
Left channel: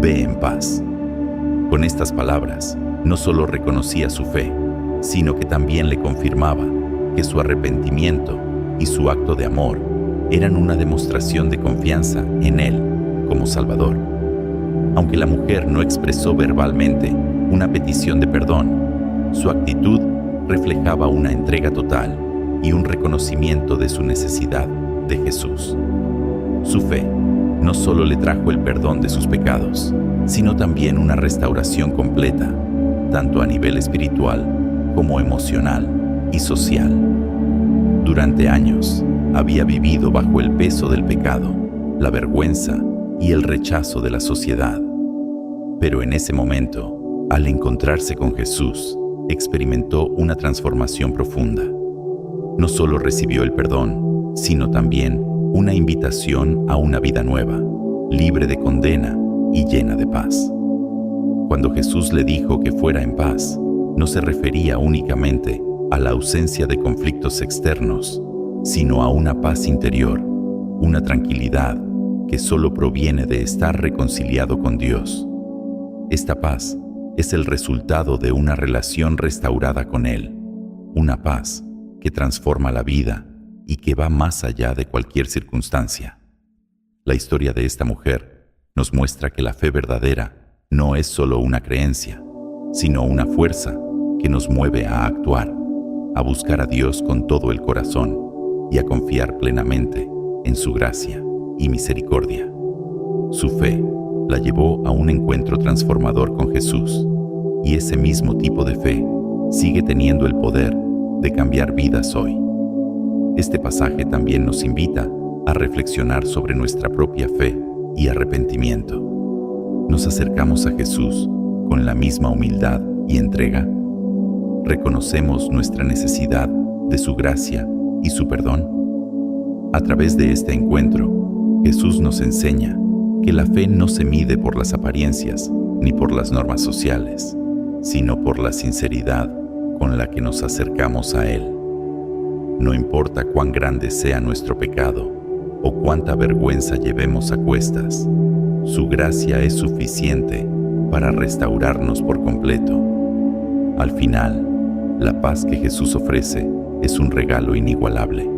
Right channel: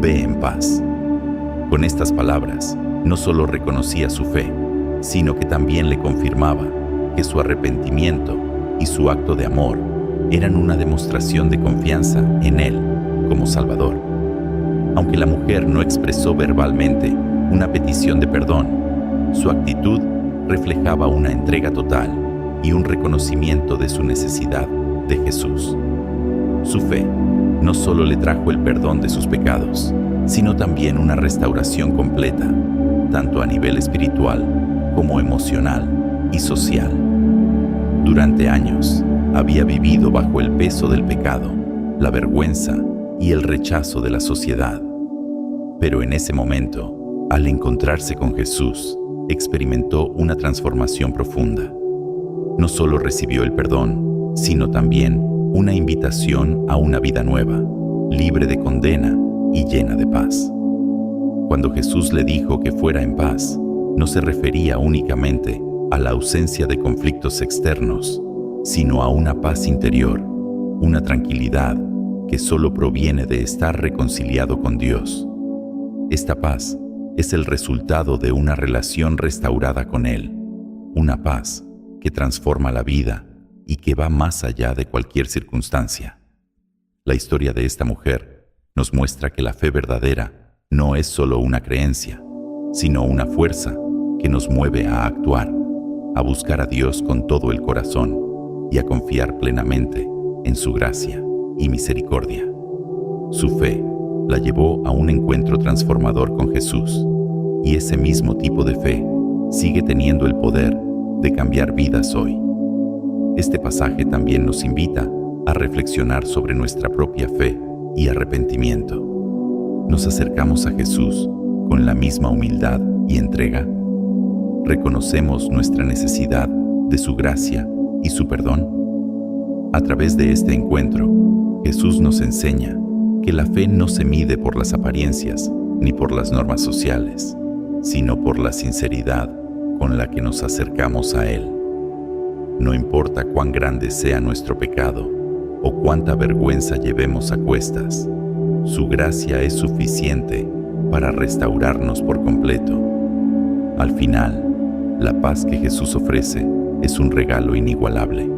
ve en paz». Con estas palabras, no solo reconocía su fe, sino que también le confirmaba que su arrepentimiento y su acto de amor eran una demostración de confianza en Él como Salvador. Aunque la mujer no expresó verbalmente una petición de perdón, su actitud reflejaba una entrega total y un reconocimiento de su necesidad de Jesús. Su fe no solo le trajo el perdón de sus pecados, sino también una restauración completa, tanto a nivel espiritual como emocional y social. Durante años, había vivido bajo el peso del pecado, la vergüenza y el rechazo de la sociedad. Pero en ese momento, al encontrarse con Jesús, experimentó una transformación profunda. No solo recibió el perdón, sino también una invitación a una vida nueva, libre de condena y llena de paz. Cuando Jesús le dijo que fuera en paz, no se refería únicamente a la ausencia de conflictos externos, sino a una paz interior, una tranquilidad que solo proviene de estar reconciliado con Dios. Esta paz es el resultado de una relación restaurada con Él, una paz que transforma la vida y que va más allá de cualquier circunstancia. La historia de esta mujer nos muestra que la fe verdadera no es solo una creencia, sino una fuerza que nos mueve a actuar, a buscar a Dios con todo el corazón y a confiar plenamente en su gracia y misericordia. Su fe la llevó a un encuentro transformador con Jesús, y ese mismo tipo de fe sigue teniendo el poder de cambiar vidas hoy. Este pasaje también nos invita a reflexionar sobre nuestra propia fe y arrepentimiento. ¿Nos acercamos a Jesús con la misma humildad y entrega? ¿Reconocemos nuestra necesidad de su gracia y su perdón? A través de este encuentro, Jesús nos enseña que la fe no se mide por las apariencias ni por las normas sociales, sino por la sinceridad con la que nos acercamos a Él. No importa cuán grande sea nuestro pecado o cuánta vergüenza llevemos a cuestas, su gracia es suficiente para restaurarnos por completo. Al final, la paz que Jesús ofrece es un regalo inigualable.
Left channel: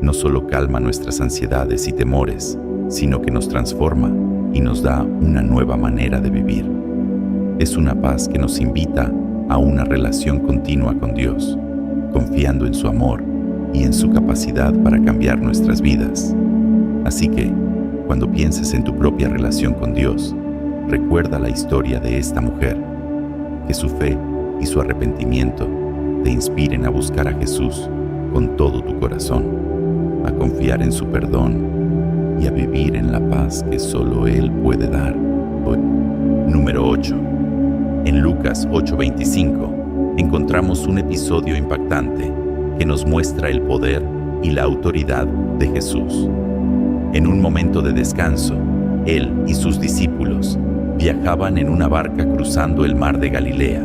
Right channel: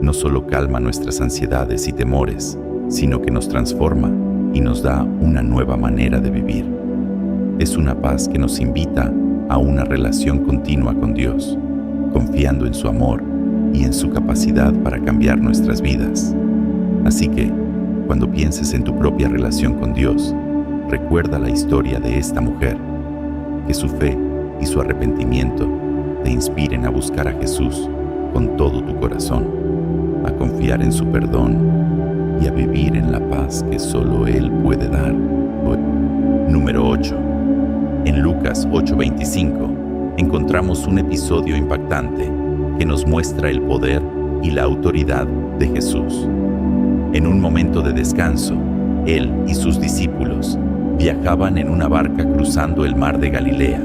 No solo calma nuestras ansiedades y temores, sino que nos transforma y nos da una nueva manera de vivir. Es una paz que nos invita a una relación continua con Dios, confiando en su amor y en su capacidad para cambiar nuestras vidas. Así que, cuando pienses en tu propia relación con Dios, recuerda la historia de esta mujer, que su fe y su arrepentimiento te inspiren a buscar a Jesús con todo tu corazón, a confiar en su perdón y a vivir en la paz que solo Él puede dar. Número 8. En Lucas 8:25 encontramos un episodio impactante que nos muestra el poder y la autoridad de Jesús. En un momento de descanso, Él y sus discípulos viajaban en una barca cruzando el mar de Galilea.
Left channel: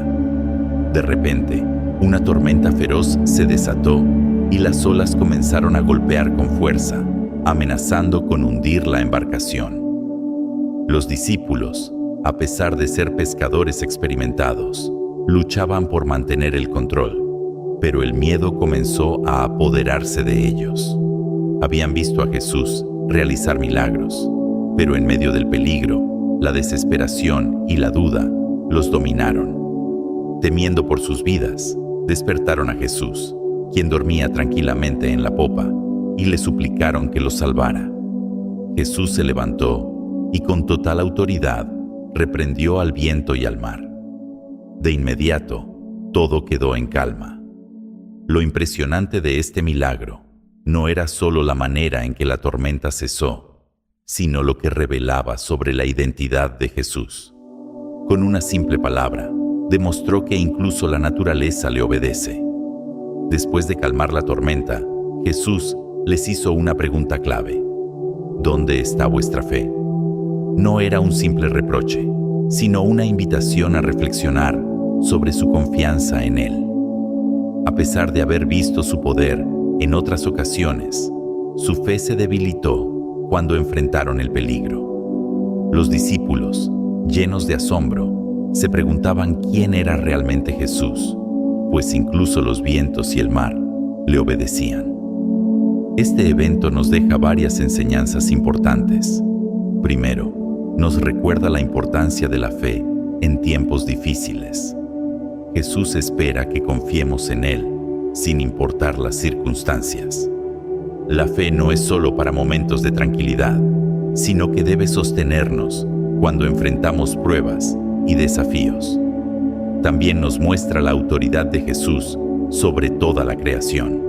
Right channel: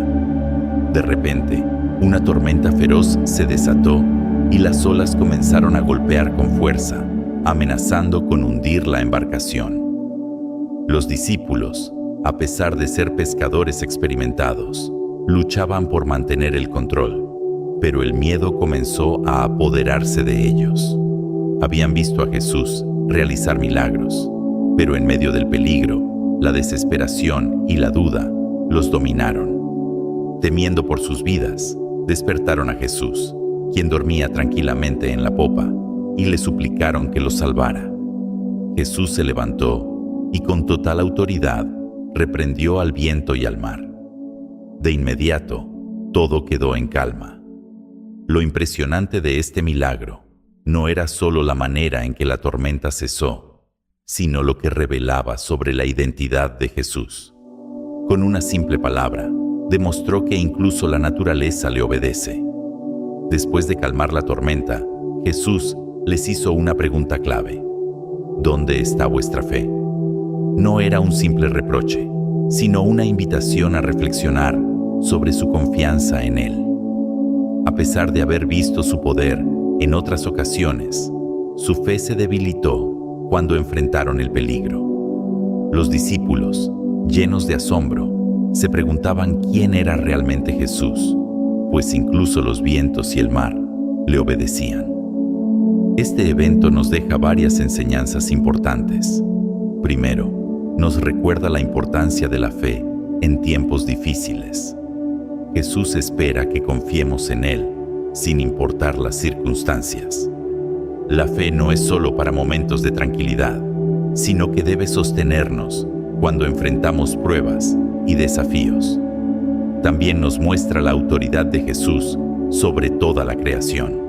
De repente, una tormenta feroz se desató y las olas comenzaron a golpear con fuerza, amenazando con hundir la embarcación. Los discípulos, a pesar de ser pescadores experimentados, luchaban por mantener el control, pero el miedo comenzó a apoderarse de ellos. Habían visto a Jesús realizar milagros, pero en medio del peligro, la desesperación y la duda los dominaron. Temiendo por sus vidas, despertaron a Jesús, quien dormía tranquilamente en la popa, y le suplicaron que los salvara. Jesús se levantó y con total autoridad reprendió al viento y al mar. De inmediato, todo quedó en calma. Lo impresionante de este milagro no era solo la manera en que la tormenta cesó, sino lo que revelaba sobre la identidad de Jesús. Con una simple palabra, demostró que incluso la naturaleza le obedece. Después de calmar la tormenta, Jesús les hizo una pregunta clave: ¿dónde está vuestra fe? No era un simple reproche, sino una invitación a reflexionar sobre su confianza en Él. A pesar de haber visto su poder en otras ocasiones, su fe se debilitó cuando enfrentaron el peligro. Los discípulos, llenos de asombro, se preguntaban quién era realmente Jesús, pues incluso los vientos y el mar le obedecían. Este evento nos deja varias enseñanzas importantes. Primero, nos recuerda la importancia de la fe en tiempos difíciles. Jesús espera que confiemos en Él, sin importar las circunstancias. La fe no es solo para momentos de tranquilidad, sino que debe sostenernos cuando enfrentamos pruebas y desafíos. También nos muestra la autoridad de Jesús sobre toda la creación.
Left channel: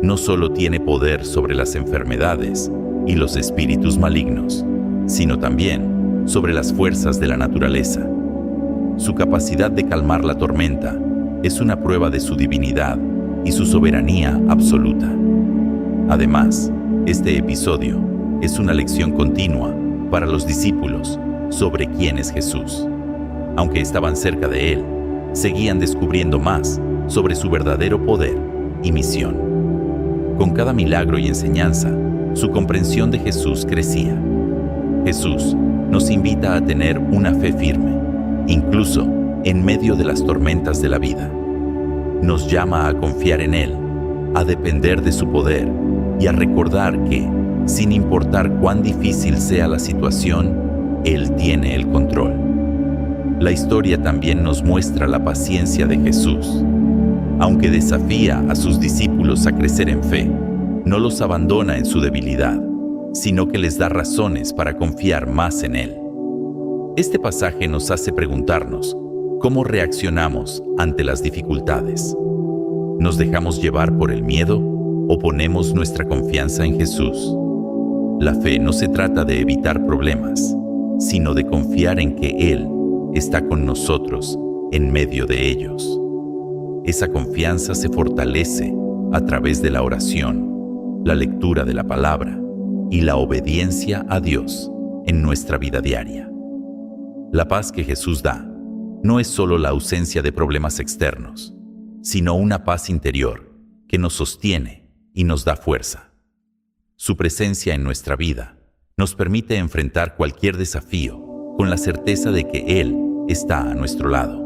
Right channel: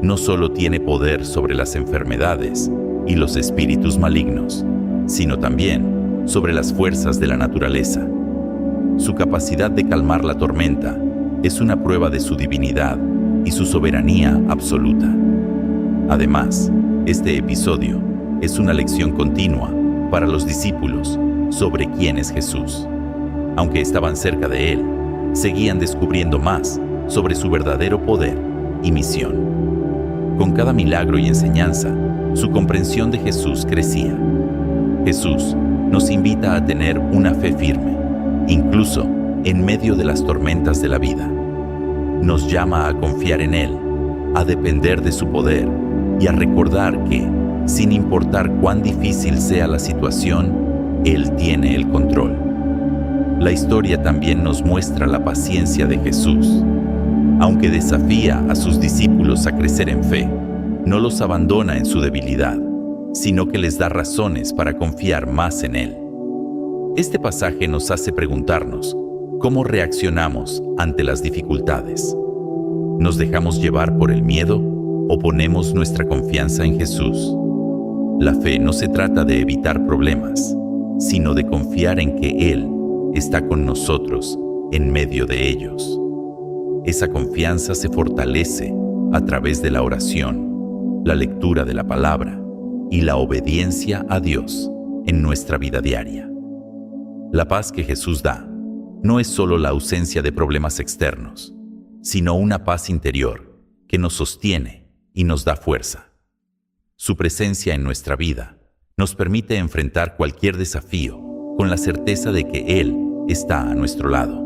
No solo tiene poder sobre las enfermedades y los espíritus malignos, sino también sobre las fuerzas de la naturaleza. Su capacidad de calmar la tormenta es una prueba de su divinidad y su soberanía absoluta. Además, este episodio es una lección continua para los discípulos sobre quién es Jesús. Aunque estaban cerca de Él, seguían descubriendo más sobre su verdadero poder y misión. Con cada milagro y enseñanza, su comprensión de Jesús crecía. Jesús nos invita a tener una fe firme, incluso en medio de las tormentas de la vida. Nos llama a confiar en Él, a depender de su poder y a recordar que, sin importar cuán difícil sea la situación, Él tiene el control. La historia también nos muestra la paciencia de Jesús. Aunque desafía a sus discípulos a crecer en fe, no los abandona en su debilidad, sino que les da razones para confiar más en Él. Este pasaje nos hace preguntarnos cómo reaccionamos ante las dificultades. ¿Nos dejamos llevar por el miedo o ponemos nuestra confianza en Jesús? La fe no se trata de evitar problemas, sino de confiar en que Él está con nosotros en medio de ellos. Esa confianza se fortalece a través de la oración, la lectura de la palabra y la obediencia a Dios en nuestra vida diaria. La paz que Jesús da no es solo la ausencia de problemas externos, sino una paz interior que nos sostiene y nos da fuerza. Su presencia en nuestra vida nos permite enfrentar cualquier desafío con la certeza de que Él está a nuestro lado.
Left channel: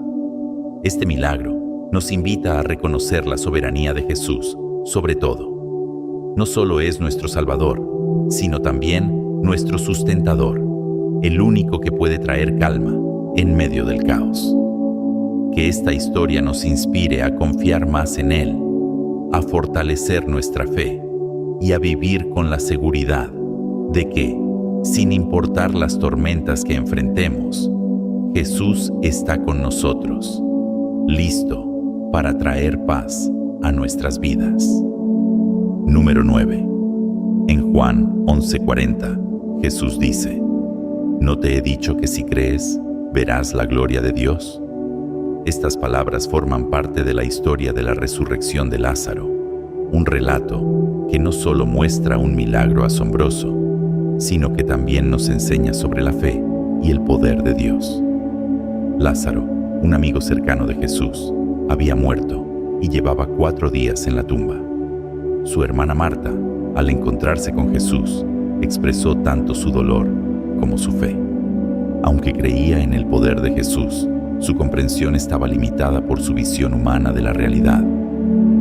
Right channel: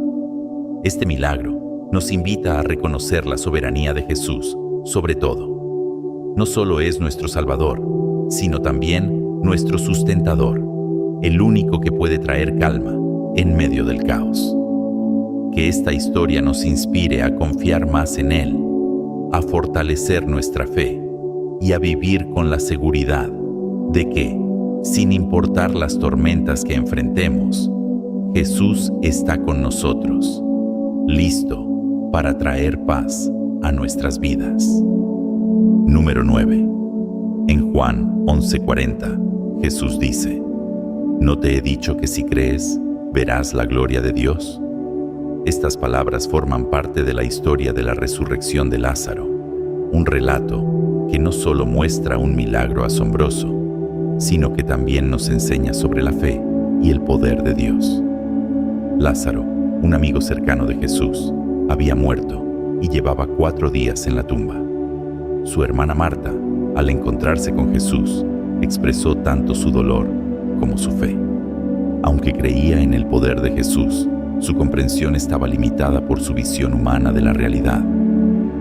Este milagro nos invita a reconocer la soberanía de Jesús sobre todo. No solo es nuestro Salvador, sino también nuestro sustentador, el único que puede traer calma en medio del caos. Que esta historia nos inspire a confiar más en Él, a fortalecer nuestra fe y a vivir con la seguridad de que, sin importar las tormentas que enfrentemos, Jesús está con nosotros, listo para traer paz a nuestras vidas. Número 9. En Juan 11:40, Jesús dice: ¿No te he dicho que si crees, verás la gloria de Dios? Estas palabras forman parte de la historia de la resurrección de Lázaro, un relato que no solo muestra un milagro asombroso, sino que también nos enseña sobre la fe y el poder de Dios. Lázaro, un amigo cercano de Jesús, había muerto y llevaba 4 días en la tumba. Su hermana Marta, al encontrarse con Jesús, expresó tanto su dolor como su fe. Aunque creía en el poder de Jesús, su comprensión estaba limitada por su visión humana de la realidad.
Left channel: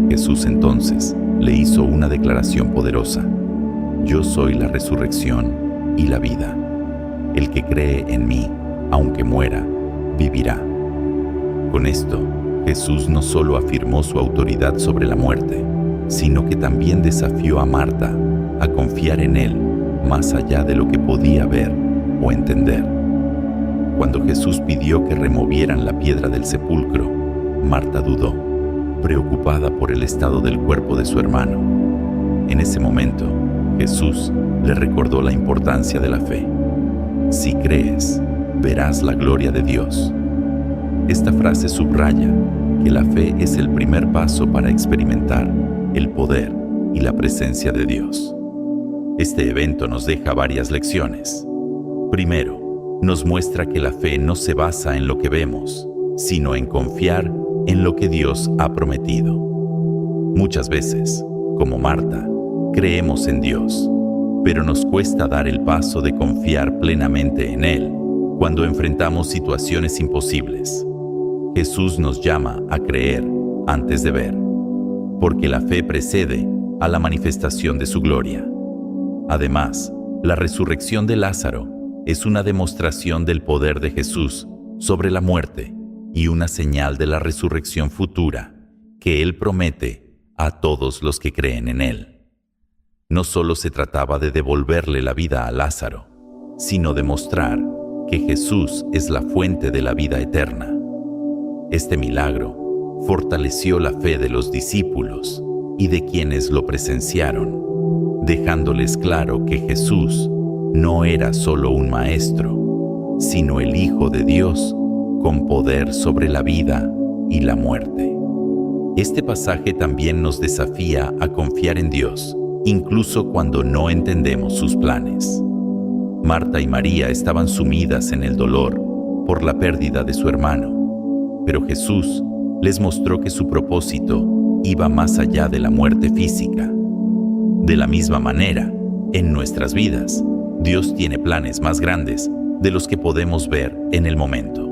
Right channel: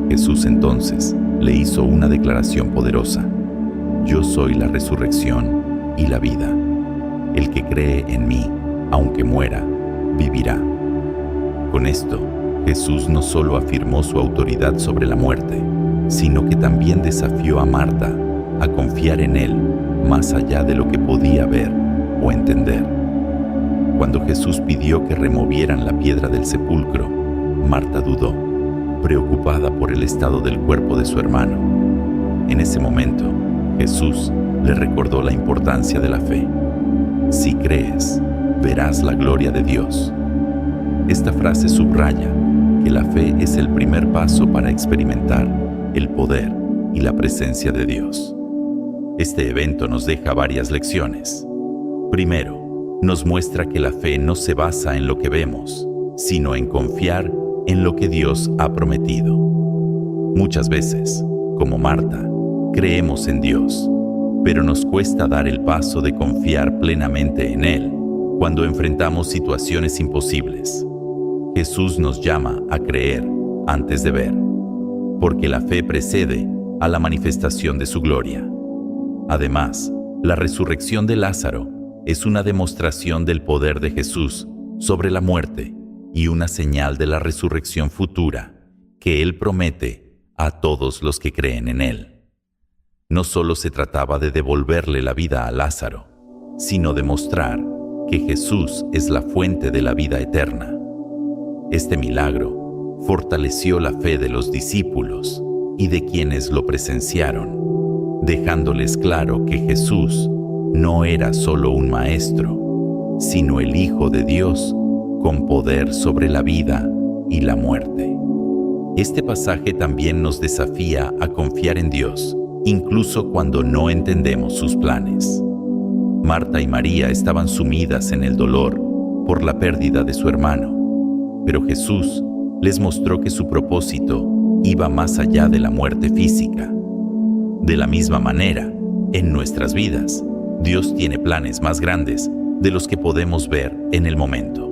Jesús entonces le hizo una declaración poderosa: Yo soy la resurrección y la vida. El que cree en mí, aunque muera, vivirá. Con esto, Jesús no solo afirmó su autoridad sobre la muerte, sino que también desafió a Marta a confiar en Él más allá de lo que podía ver o entender. Cuando Jesús pidió que removieran la piedra del sepulcro, Marta dudó, preocupada por el estado del cuerpo de su hermano. En ese momento, Jesús le recordó la importancia de la fe. Si crees, verás la gloria de Dios. Esta frase subraya que la fe es el primer paso para experimentar el poder y la presencia de Dios. Este evento nos deja varias lecciones. Primero, nos muestra que la fe no se basa en lo que vemos, sino en confiar en lo que Dios ha prometido. Muchas veces, como Marta, creemos en Dios, pero nos cuesta dar el paso de confiar plenamente en Él cuando enfrentamos situaciones imposibles. Jesús nos llama a creer antes de ver, porque la fe precede a la manifestación de su gloria. Además, la resurrección de Lázaro es una demostración del poder de Jesús sobre la muerte y una señal de la resurrección futura que Él promete a todos los que creen en Él. No solo se trataba de devolverle la vida a Lázaro, sino de mostrar que Jesús es la fuente de la vida eterna. Este milagro fortaleció la fe de los discípulos y de quienes lo presenciaron, dejándoles claro que Jesús no era solo un maestro, sino el Hijo de Dios con poder sobre la vida y la muerte. Este pasaje también nos desafía a confiar en Dios, incluso cuando no entendemos sus planes. Marta y María estaban sumidas en el dolor por la pérdida de su hermano, pero Jesús les mostró que su propósito iba más allá de la muerte física. De la misma manera, en nuestras vidas, Dios tiene planes más grandes de los que podemos ver en el momento.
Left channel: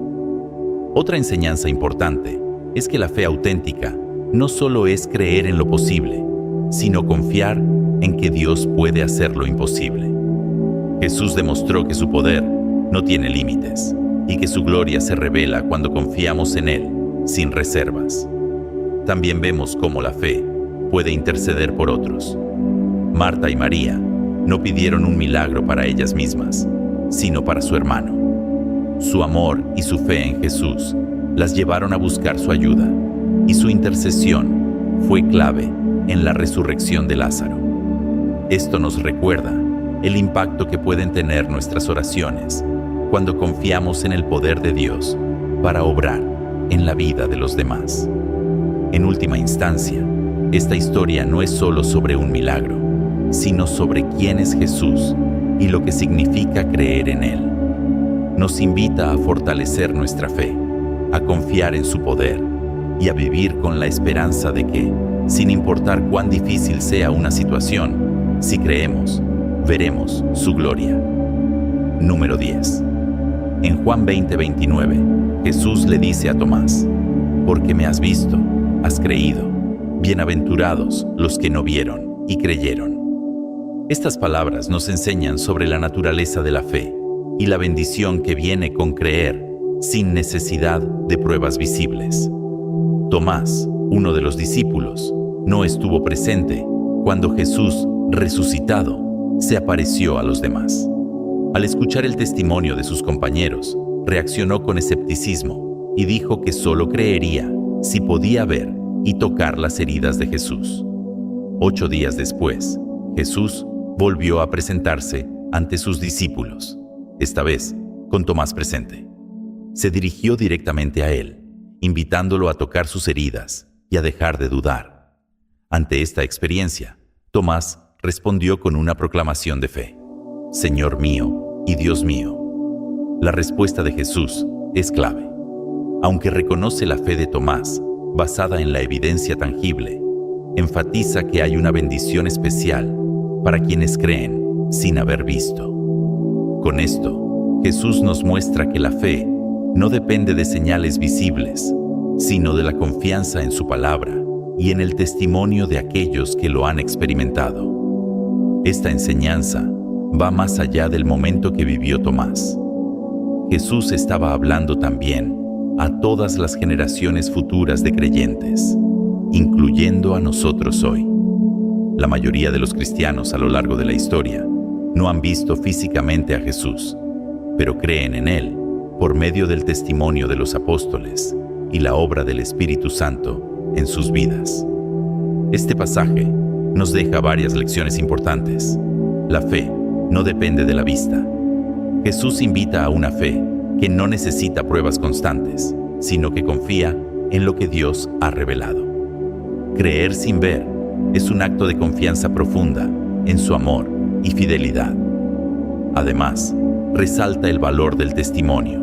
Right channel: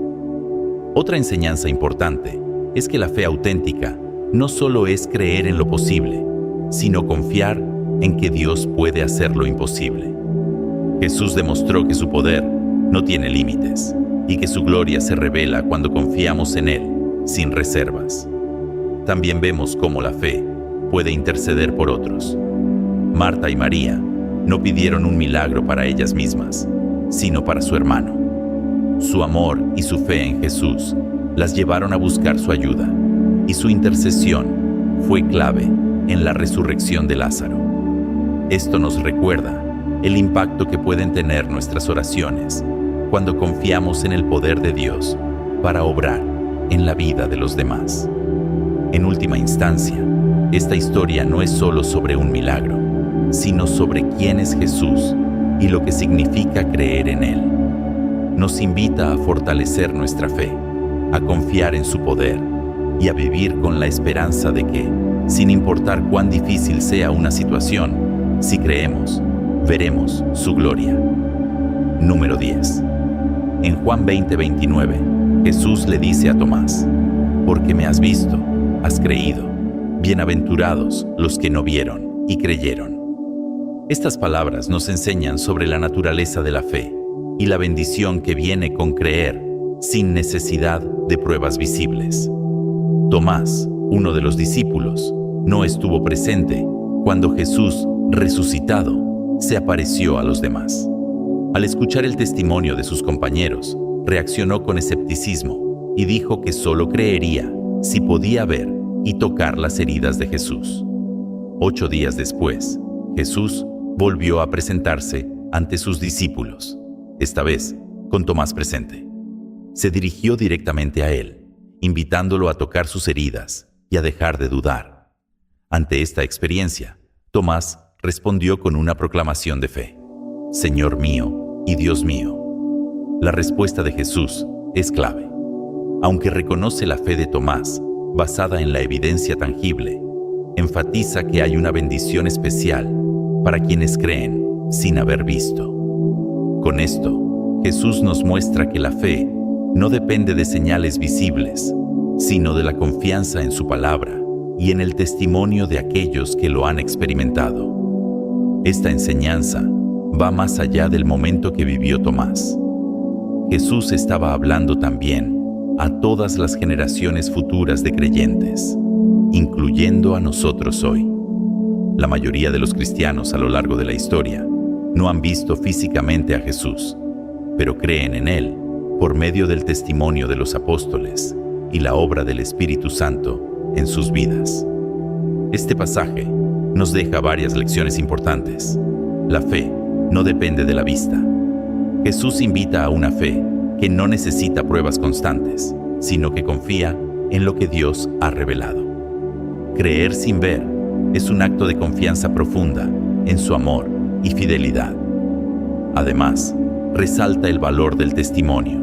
Otra enseñanza importante es que la fe auténtica no solo es creer en lo posible, sino confiar en que Dios puede hacer lo imposible. Jesús demostró que su poder no tiene límites y que su gloria se revela cuando confiamos en Él sin reservas. También vemos cómo la fe puede interceder por otros. Marta y María no pidieron un milagro para ellas mismas, sino para su hermano. Su amor y su fe en Jesús las llevaron a buscar su ayuda, y su intercesión fue clave en la resurrección de Lázaro. Esto nos recuerda el impacto que pueden tener nuestras oraciones cuando confiamos en el poder de Dios para obrar en la vida de los demás. En última instancia, esta historia no es solo sobre un milagro, sino sobre quién es Jesús y lo que significa creer en Él. Nos invita a fortalecer nuestra fe, a confiar en su poder y a vivir con la esperanza de que, sin importar cuán difícil sea una situación, si creemos, veremos su gloria. Número 10. En Juan 20:29, Jesús le dice a Tomás: «Porque me has visto, has creído. Bienaventurados los que no vieron y creyeron». Estas palabras nos enseñan sobre la naturaleza de la fe y la bendición que viene con creer sin necesidad de pruebas visibles. Tomás, uno de los discípulos, no estuvo presente cuando Jesús, resucitado, se apareció a los demás. Al escuchar el testimonio de sus compañeros, reaccionó con escepticismo y dijo que solo creería si podía ver y tocar las heridas de Jesús. 8 días después, Jesús volvió a presentarse ante sus discípulos, esta vez con Tomás presente. Se dirigió directamente a él, invitándolo a tocar sus heridas y a dejar de dudar. Ante esta experiencia, Tomás respondió con una proclamación de fe: «Señor mío y Dios mío». La respuesta de Jesús es clave. Aunque reconoce la fe de Tomás, basada en la evidencia tangible, enfatiza que hay una bendición especial para quienes creen sin haber visto. Con esto, Jesús nos muestra que la fe no depende de señales visibles, sino de la confianza en su palabra y en el testimonio de aquellos que lo han experimentado. Esta enseñanza va más allá del momento que vivió Tomás. Jesús estaba hablando también a todas las generaciones futuras de creyentes, incluyendo a nosotros hoy. La mayoría de los cristianos a lo largo de la historia no han visto físicamente a Jesús, pero creen en Él por medio del testimonio de los apóstoles y la obra del Espíritu Santo en sus vidas. Este pasaje nos deja varias lecciones importantes. La fe no depende de la vista. Jesús invita a una fe que no necesita pruebas constantes, sino que confía en lo que Dios ha revelado. Creer sin ver es un acto de confianza profunda en su amor y fidelidad. Además, resalta el valor del testimonio.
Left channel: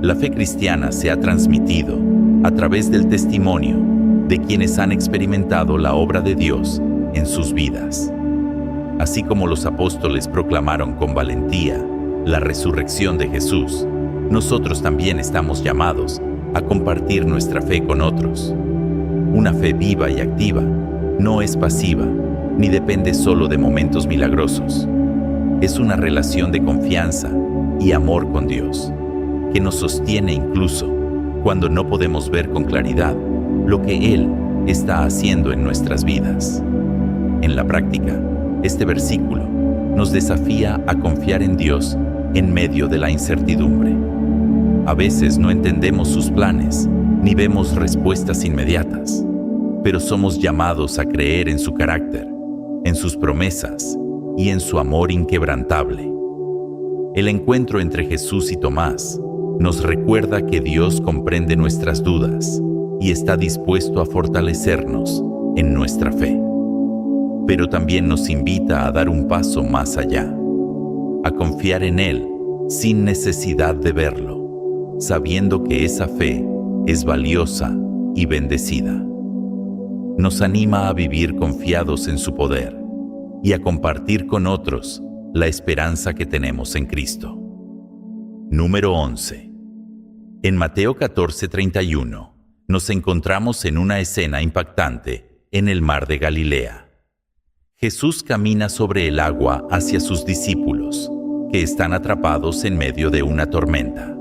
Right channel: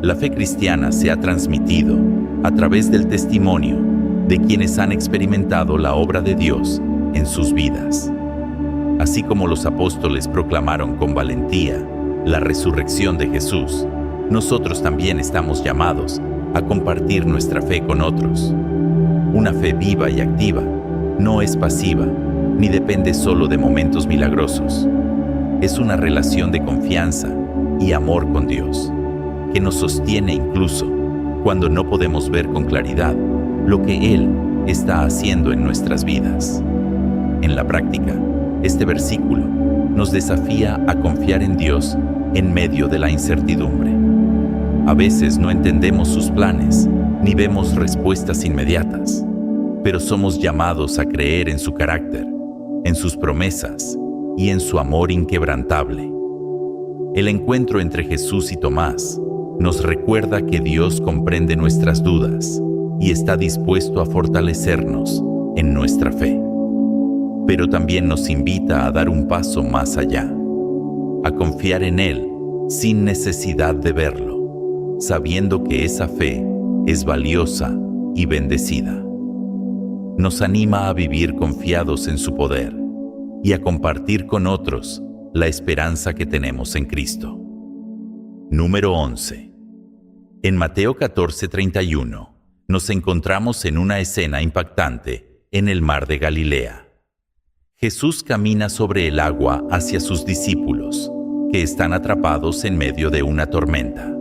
La fe cristiana se ha transmitido a través del testimonio de quienes han experimentado la obra de Dios en sus vidas. Así como los apóstoles proclamaron con valentía la resurrección de Jesús, nosotros también estamos llamados a compartir nuestra fe con otros. Una fe viva y activa no es pasiva, ni depende solo de momentos milagrosos. Es una relación de confianza y amor con Dios, que nos sostiene incluso cuando no podemos ver con claridad lo que Él está haciendo en nuestras vidas. En la práctica, este versículo nos desafía a confiar en Dios en medio de la incertidumbre. A veces no entendemos sus planes, ni vemos respuestas inmediatas, pero somos llamados a creer en su carácter, en sus promesas y en su amor inquebrantable. El encuentro entre Jesús y Tomás nos recuerda que Dios comprende nuestras dudas y está dispuesto a fortalecernos en nuestra fe. Pero también nos invita a dar un paso más allá, a confiar en Él sin necesidad de verlo, sabiendo que esa fe es valiosa y bendecida. Nos anima a vivir confiados en su poder y a compartir con otros la esperanza que tenemos en Cristo. Número 11. En Mateo 14:31 nos encontramos en una escena impactante en el mar de Galilea. Jesús camina sobre el agua hacia sus discípulos, que están atrapados en medio de una tormenta.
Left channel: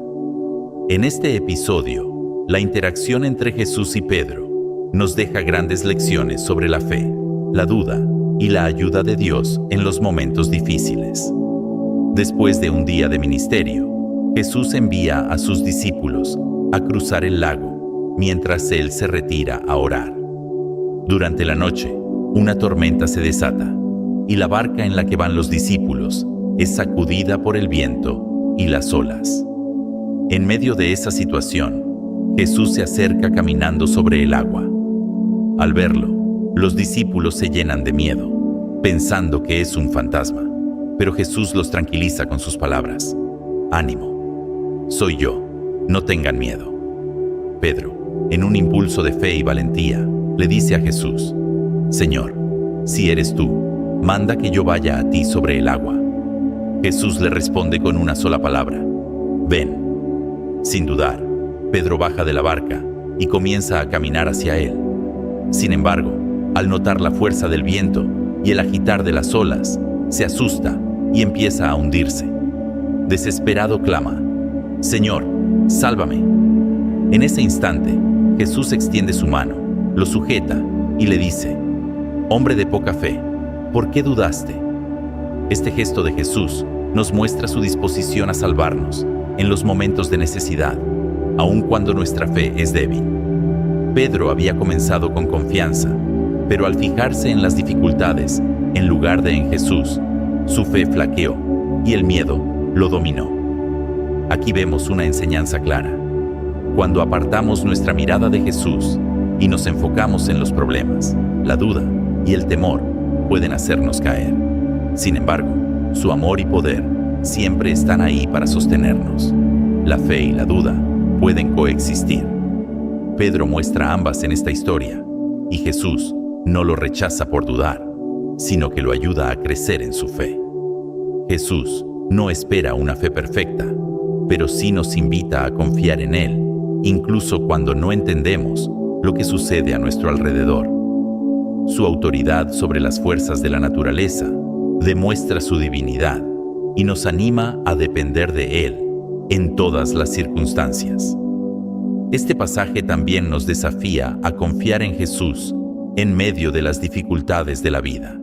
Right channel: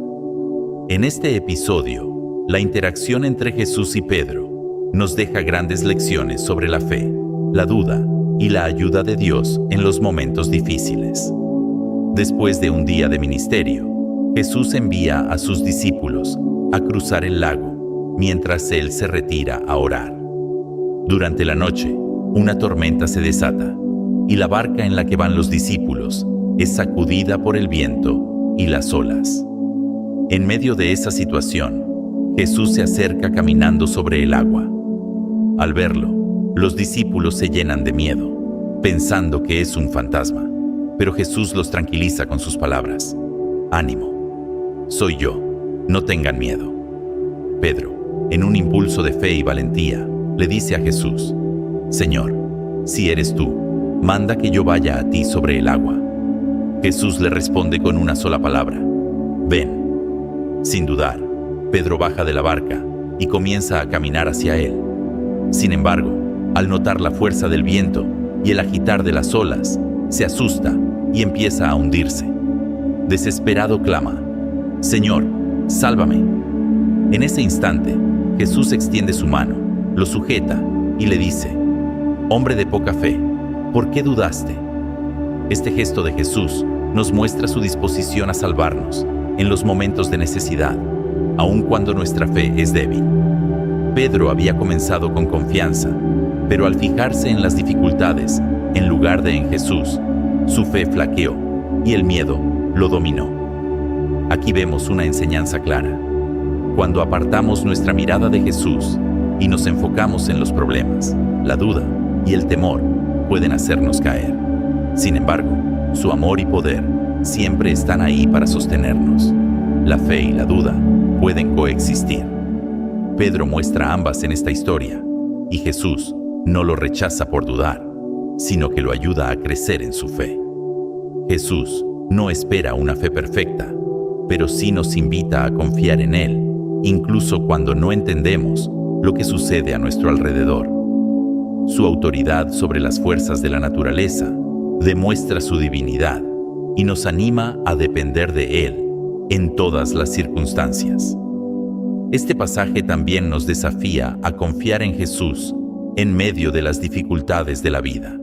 En este episodio, la interacción entre Jesús y Pedro nos deja grandes lecciones sobre la fe, la duda y la ayuda de Dios en los momentos difíciles. Después de un día de ministerio, Jesús envía a sus discípulos a cruzar el lago mientras Él se retira a orar. Durante la noche, una tormenta se desata y la barca en la que van los discípulos es sacudida por el viento y las olas. En medio de esa situación, Jesús se acerca caminando sobre el agua. Al verlo, los discípulos se llenan de miedo, pensando que es un fantasma, pero Jesús los tranquiliza con sus palabras: «Ánimo, soy yo, no tengan miedo». Pedro, en un impulso de fe y valentía, le dice a Jesús: «Señor, si eres tú, manda que yo vaya a ti sobre el agua». Jesús le responde con una sola palabra: «Ven». Sin dudar, Pedro baja de la barca y comienza a caminar hacia él. Sin embargo, al notar la fuerza del viento y el agitar de las olas, se asusta y empieza a hundirse. Desesperado clama: «Señor, sálvame». En ese instante, Jesús extiende su mano, lo sujeta y le dice: «Hombre de poca fe, ¿por qué dudaste?». Este gesto de Jesús nos muestra su disposición a salvarnos en los momentos de necesidad, aun cuando nuestra fe es débil. Pedro había comenzado con confianza, pero al fijarse en las dificultades, en lugar de en Jesús, su fe flaqueó y el miedo lo dominó. Aquí vemos una enseñanza clara. Cuando apartamos nuestra mirada de Jesús y nos enfocamos en los problemas, la duda y el temor pueden hacernos caer. Sin embargo, su amor y poder siempre están ahí para sostenernos. La fe y la duda pueden coexistir. Pedro muestra ambas en esta historia, y Jesús no lo rechaza por dudar, sino que lo ayuda a crecer en su fe. Jesús no espera una fe perfecta, pero sí nos invita a confiar en Él, incluso cuando no entendemos lo que sucede a nuestro alrededor. Su autoridad sobre las fuerzas de la naturaleza demuestra su divinidad y nos anima a depender de Él en todas las circunstancias. Este pasaje también nos desafía a confiar en Jesús en medio de las dificultades de la vida.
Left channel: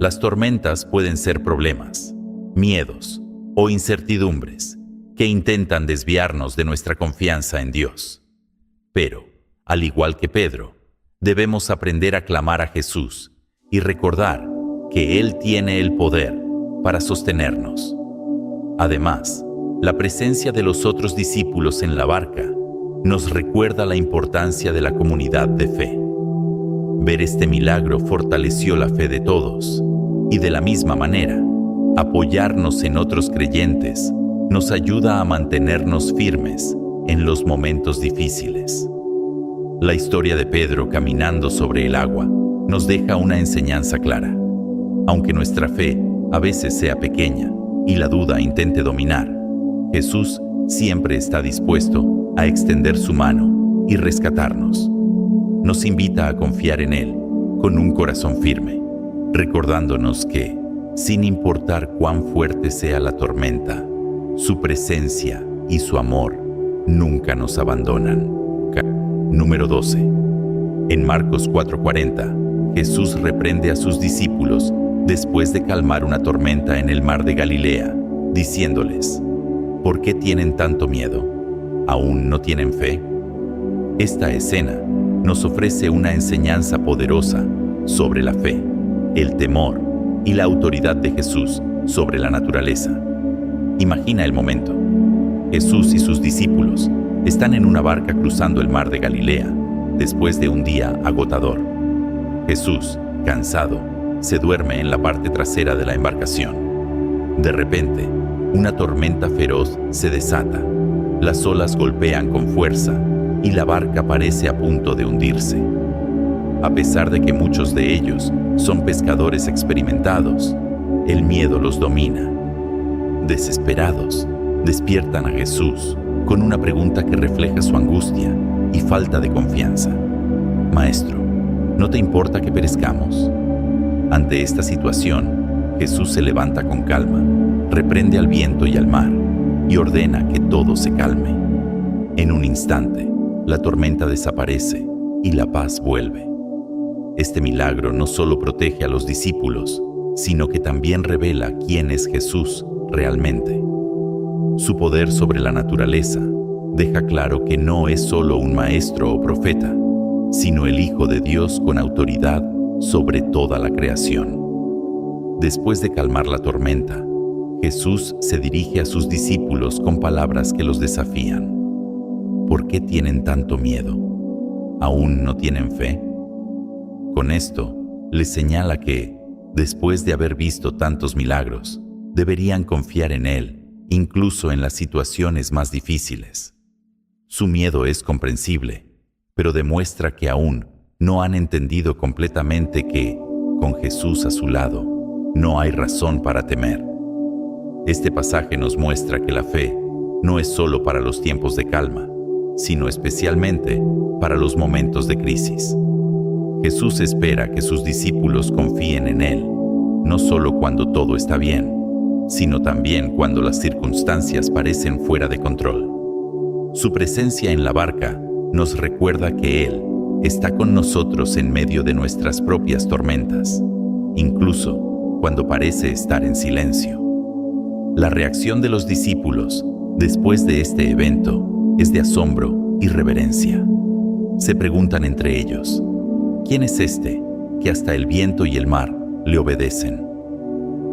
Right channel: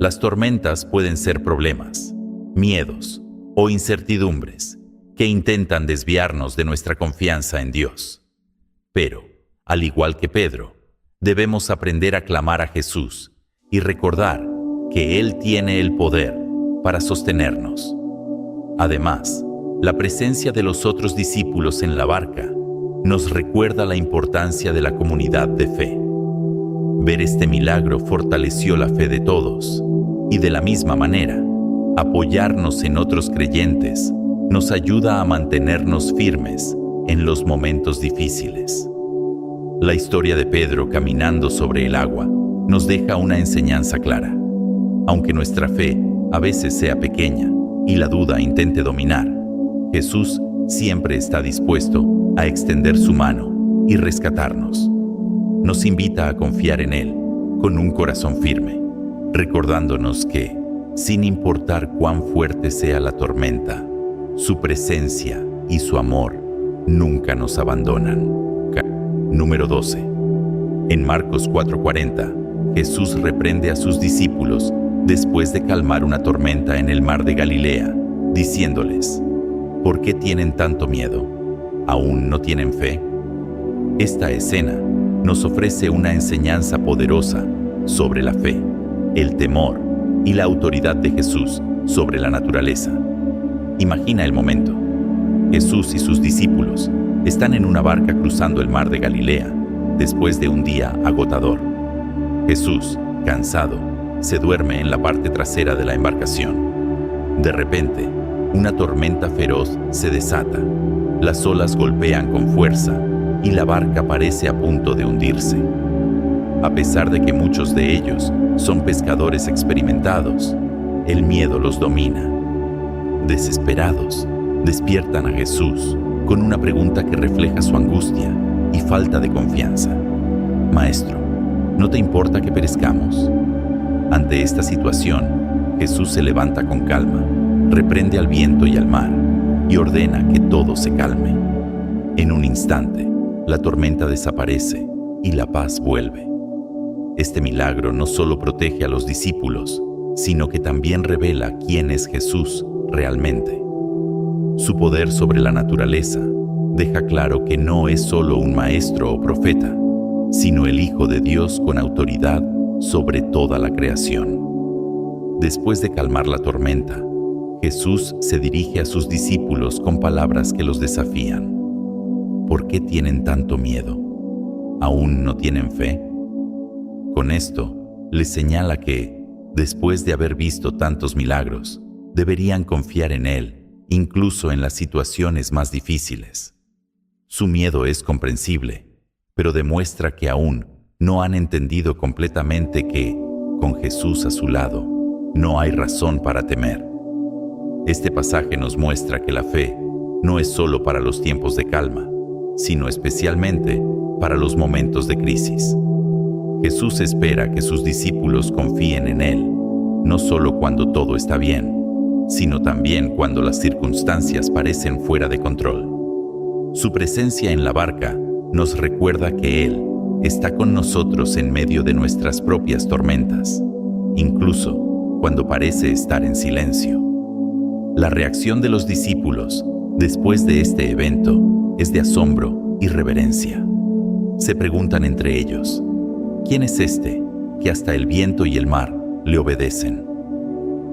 Las tormentas pueden ser problemas, miedos o incertidumbres que intentan desviarnos de nuestra confianza en Dios. Pero, al igual que Pedro, debemos aprender a clamar a Jesús y recordar que Él tiene el poder para sostenernos. Además, la presencia de los otros discípulos en la barca nos recuerda la importancia de la comunidad de fe. Ver este milagro fortaleció la fe de todos, y de la misma manera, apoyarnos en otros creyentes nos ayuda a mantenernos firmes en los momentos difíciles. La historia de Pedro caminando sobre el agua nos deja una enseñanza clara. Aunque nuestra fe a veces sea pequeña y la duda intente dominar, Jesús siempre está dispuesto a extender su mano y rescatarnos. Nos invita a confiar en Él con un corazón firme, recordándonos que, sin importar cuán fuerte sea la tormenta, su presencia y su amor nunca nos abandonan. Número 12. En Marcos 4:40, Jesús reprende a sus discípulos después de calmar una tormenta en el mar de Galilea, diciéndoles: ¿por qué tienen tanto miedo? ¿Aún no tienen fe? Esta escena nos ofrece una enseñanza poderosa sobre la fe, el temor y la autoridad de Jesús sobre la naturaleza. Imagina el momento. Jesús y sus discípulos están en una barca cruzando el mar de Galilea después de un día agotador. Jesús, cansado, se duerme en la parte trasera de la embarcación. De repente, una tormenta feroz se desata. Las olas golpean con fuerza y la barca parece a punto de hundirse. A pesar de que muchos de ellos son pescadores experimentados, el miedo los domina. Desesperados, despiertan a Jesús con una pregunta que refleja su angustia y falta de confianza. Maestro, ¿no te importa que perezcamos? Ante esta situación, Jesús se levanta con calma, reprende al viento y al mar y ordena que todo se calme. En un instante, la tormenta desaparece y la paz vuelve. Este milagro no solo protege a los discípulos, sino que también revela quién es Jesús realmente. Su poder sobre la naturaleza deja claro que no es solo un maestro o profeta, sino el Hijo de Dios con autoridad sobre toda la creación. Después de calmar la tormenta, Jesús se dirige a sus discípulos con palabras que los desafían. ¿Por qué tienen tanto miedo? ¿Aún no tienen fe? Con esto, les señala que, después de haber visto tantos milagros, deberían confiar en Él, incluso en las situaciones más difíciles. Su miedo es comprensible, pero demuestra que aún no han entendido completamente que, con Jesús a su lado, no hay razón para temer. Este pasaje nos muestra que la fe no es solo para los tiempos de calma, sino especialmente para los momentos de crisis. Jesús espera que sus discípulos confíen en Él, no solo cuando todo está bien, sino también cuando las circunstancias parecen fuera de control. Su presencia en la barca nos recuerda que Él está con nosotros en medio de nuestras propias tormentas, incluso cuando parece estar en silencio. La reacción de los discípulos después de este evento es de asombro y reverencia. Se preguntan entre ellos, ¿quién es este que hasta el viento y el mar le obedecen?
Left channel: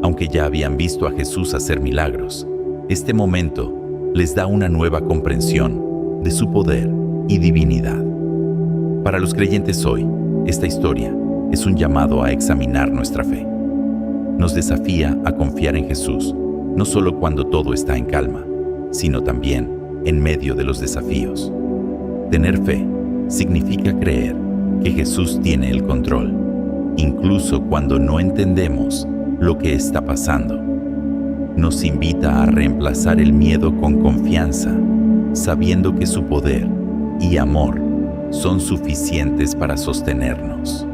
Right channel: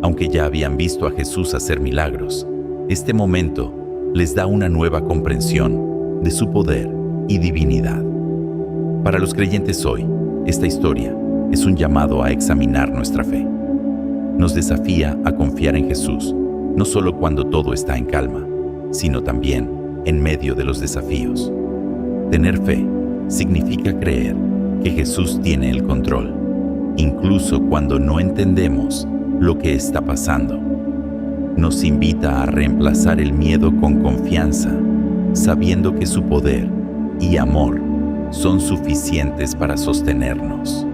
Aunque ya habían visto a Jesús hacer milagros, este momento les da una nueva comprensión de su poder y divinidad. Para los creyentes hoy, esta historia es un llamado a examinar nuestra fe. Nos desafía a confiar en Jesús, no solo cuando todo está en calma, sino también en medio de los desafíos. Tener fe significa creer que Jesús tiene el control, incluso cuando no entendemos lo que está pasando. Nos invita a reemplazar el miedo con confianza, sabiendo que su poder y amor son suficientes para sostenernos.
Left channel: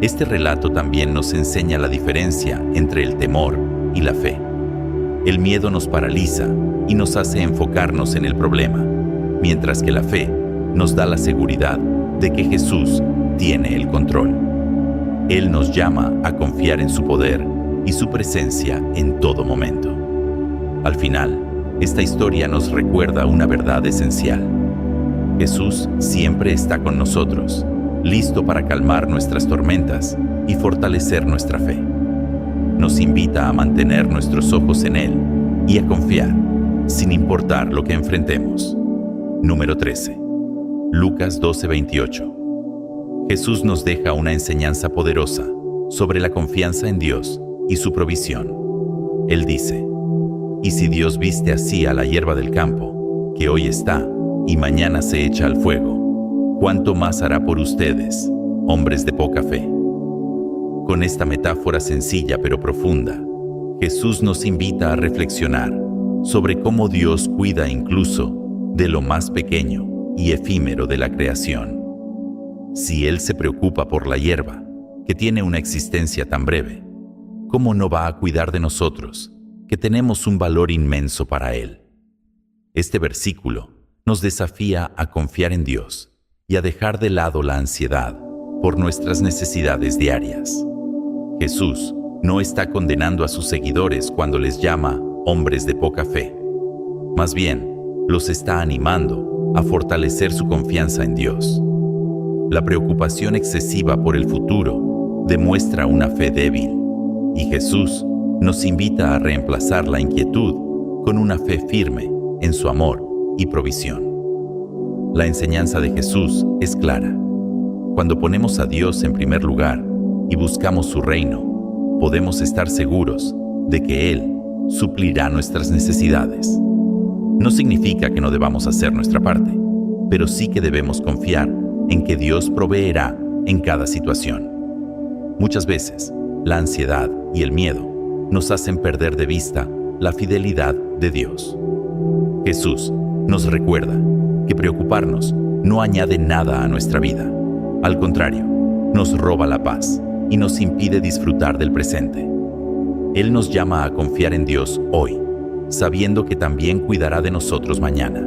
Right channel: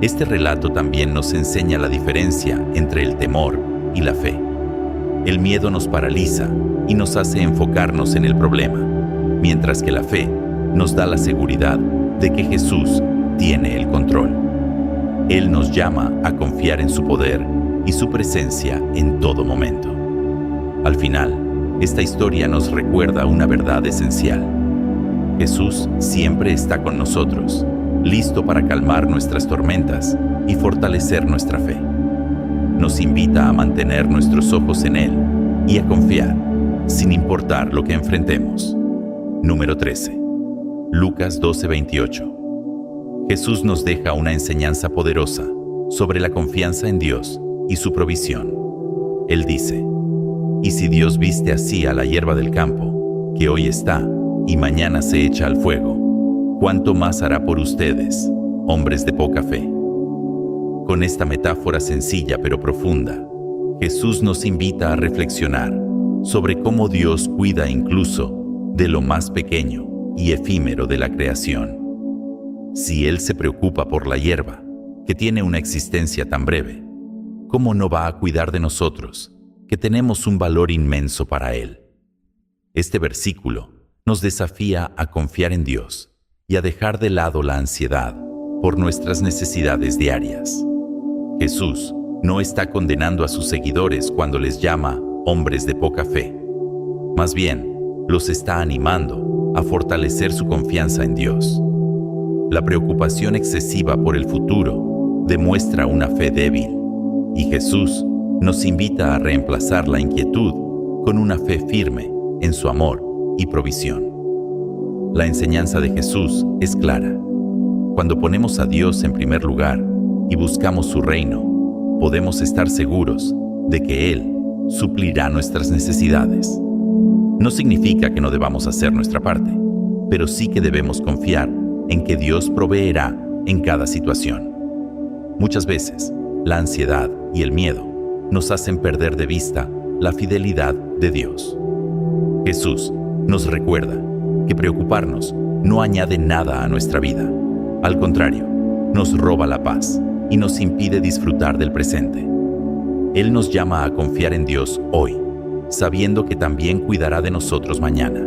Este relato también nos enseña la diferencia entre el temor y la fe. El miedo nos paraliza y nos hace enfocarnos en el problema, mientras que la fe nos da la seguridad de que Jesús tiene el control. Él nos llama a confiar en su poder y su presencia en todo momento. Al final, esta historia nos recuerda una verdad esencial. Jesús siempre está con nosotros, listo para calmar nuestras tormentas y fortalecer nuestra fe. Nos invita a mantener nuestros ojos en Él y a confiar, sin importar lo que enfrentemos. Número 13. Lucas 12:28. Jesús nos deja una enseñanza poderosa sobre la confianza en Dios y su provisión. Él dice, «Y si Dios viste así a la hierba del campo, que hoy está y mañana se echa al fuego, ¿cuánto más hará por ustedes, hombres de poca fe?» Con esta metáfora sencilla pero profunda, Jesús nos invita a reflexionar sobre cómo Dios cuida incluso de lo más pequeño y efímero de la creación. Si Él se preocupa por la hierba, que tiene una existencia tan breve, ¿cómo no va a cuidar de nosotros, que tenemos un valor inmenso para Él? Este versículo nos desafía a confiar en Dios y a dejar de lado la ansiedad por nuestras necesidades diarias. Jesús no está condenando a sus seguidores cuando les llama hombres de poca fe. Más bien, los está animando a fortalecer su confianza en Dios. La preocupación excesiva por el futuro demuestra una fe débil, y Jesús nos invita a reemplazar la inquietud con una fe firme en su amor y provisión. La enseñanza de Jesús es clara. Cuando ponemos a Dios en primer lugar y buscamos su reino, podemos estar seguros de que Él suplirá nuestras necesidades. No significa que no debamos hacer nuestra parte, pero sí que debemos confiar en que Dios proveerá en cada situación. Muchas veces, la ansiedad y el miedo nos hacen perder de vista la fidelidad de Dios. Jesús nos recuerda que preocuparnos no añade nada a nuestra vida. Al contrario, nos roba la paz y nos impide disfrutar del presente. Él nos llama a confiar en Dios hoy, sabiendo que también cuidará de nosotros mañana.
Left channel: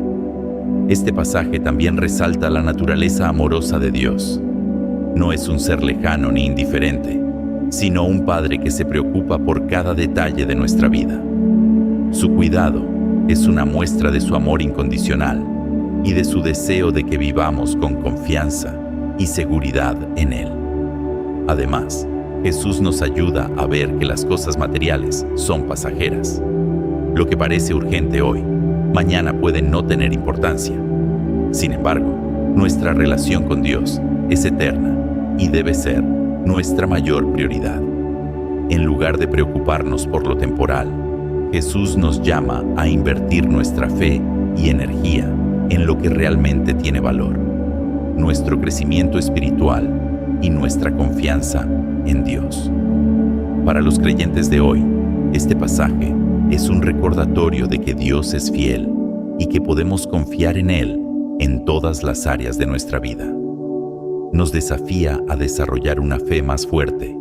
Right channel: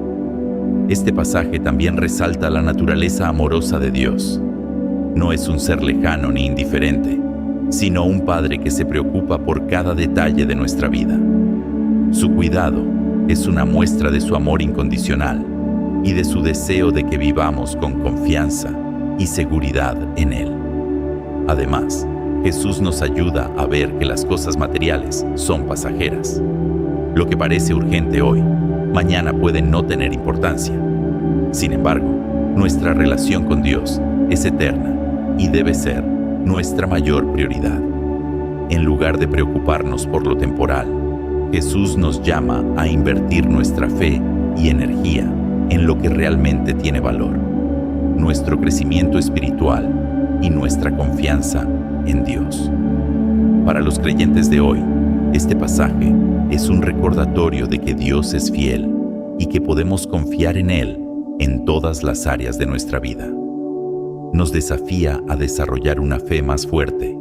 Este pasaje también resalta la naturaleza amorosa de Dios. No es un ser lejano ni indiferente, sino un Padre que se preocupa por cada detalle de nuestra vida. Su cuidado es una muestra de su amor incondicional y de su deseo de que vivamos con confianza y seguridad en Él. Además, Jesús nos ayuda a ver que las cosas materiales son pasajeras. Lo que parece urgente hoy, mañana puede no tener importancia. Sin embargo, nuestra relación con Dios es eterna y debe ser nuestra mayor prioridad. En lugar de preocuparnos por lo temporal, Jesús nos llama a invertir nuestra fe y energía en lo que realmente tiene valor, nuestro crecimiento espiritual y nuestra confianza en Dios. Para los creyentes de hoy, este pasaje es un recordatorio de que Dios es fiel y que podemos confiar en Él en todas las áreas de nuestra vida. Nos desafía a desarrollar una fe más fuerte,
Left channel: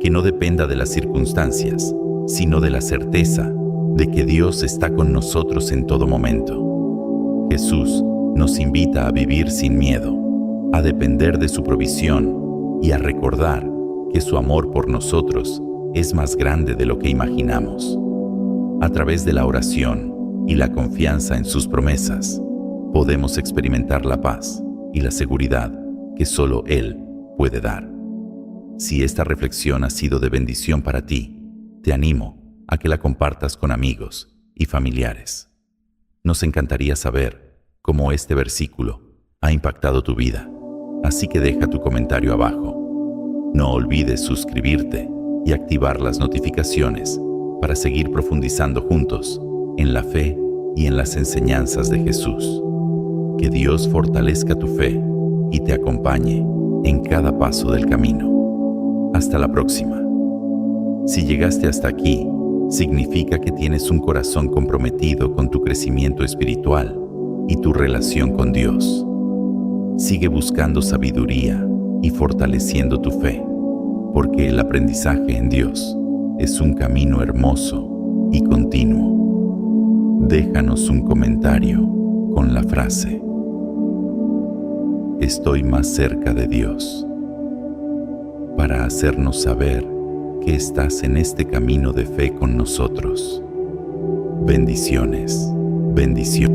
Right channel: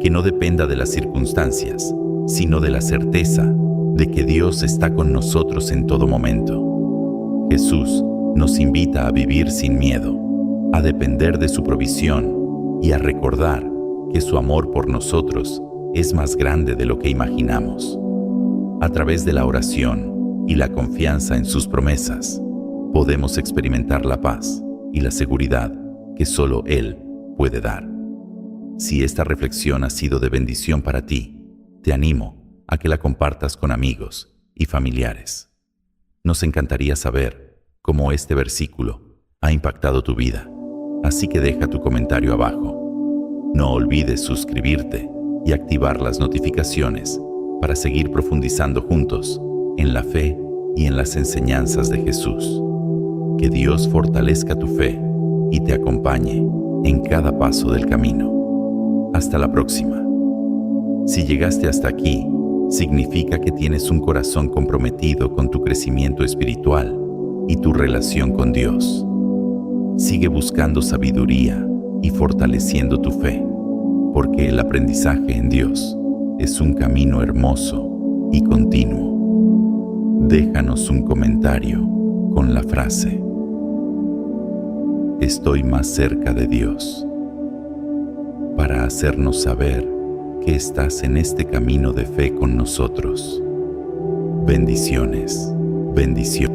que no dependa de las circunstancias, sino de la certeza de que Dios está con nosotros en todo momento. Jesús nos invita a vivir sin miedo, a depender de su provisión y a recordar que su amor por nosotros es más grande de lo que imaginamos. A través de la oración y la confianza en sus promesas, podemos experimentar la paz y la seguridad que solo Él puede dar. Si esta reflexión ha sido de bendición para ti, te animo a que la compartas con amigos y familiares. Nos encantaría saber cómo este versículo ha impactado tu vida, así que deja tu comentario abajo. No olvides suscribirte y activar las notificaciones para seguir profundizando juntos en la fe y en las enseñanzas de Jesús. Que Dios fortalezca tu fe y te acompañe en cada paso del camino. Hasta la próxima. Si llegaste hasta aquí, significa que tienes un corazón comprometido con tu crecimiento espiritual y tu relación con Dios. Sigue buscando sabiduría y fortaleciendo tu fe, porque el aprendizaje en Dios es un camino hermoso y continuo. Déjanos un comentario con la frase: "Estoy más cerca de Dios", para hacernos saber que estás en este camino de fe con nosotros. Bendiciones, bendiciones.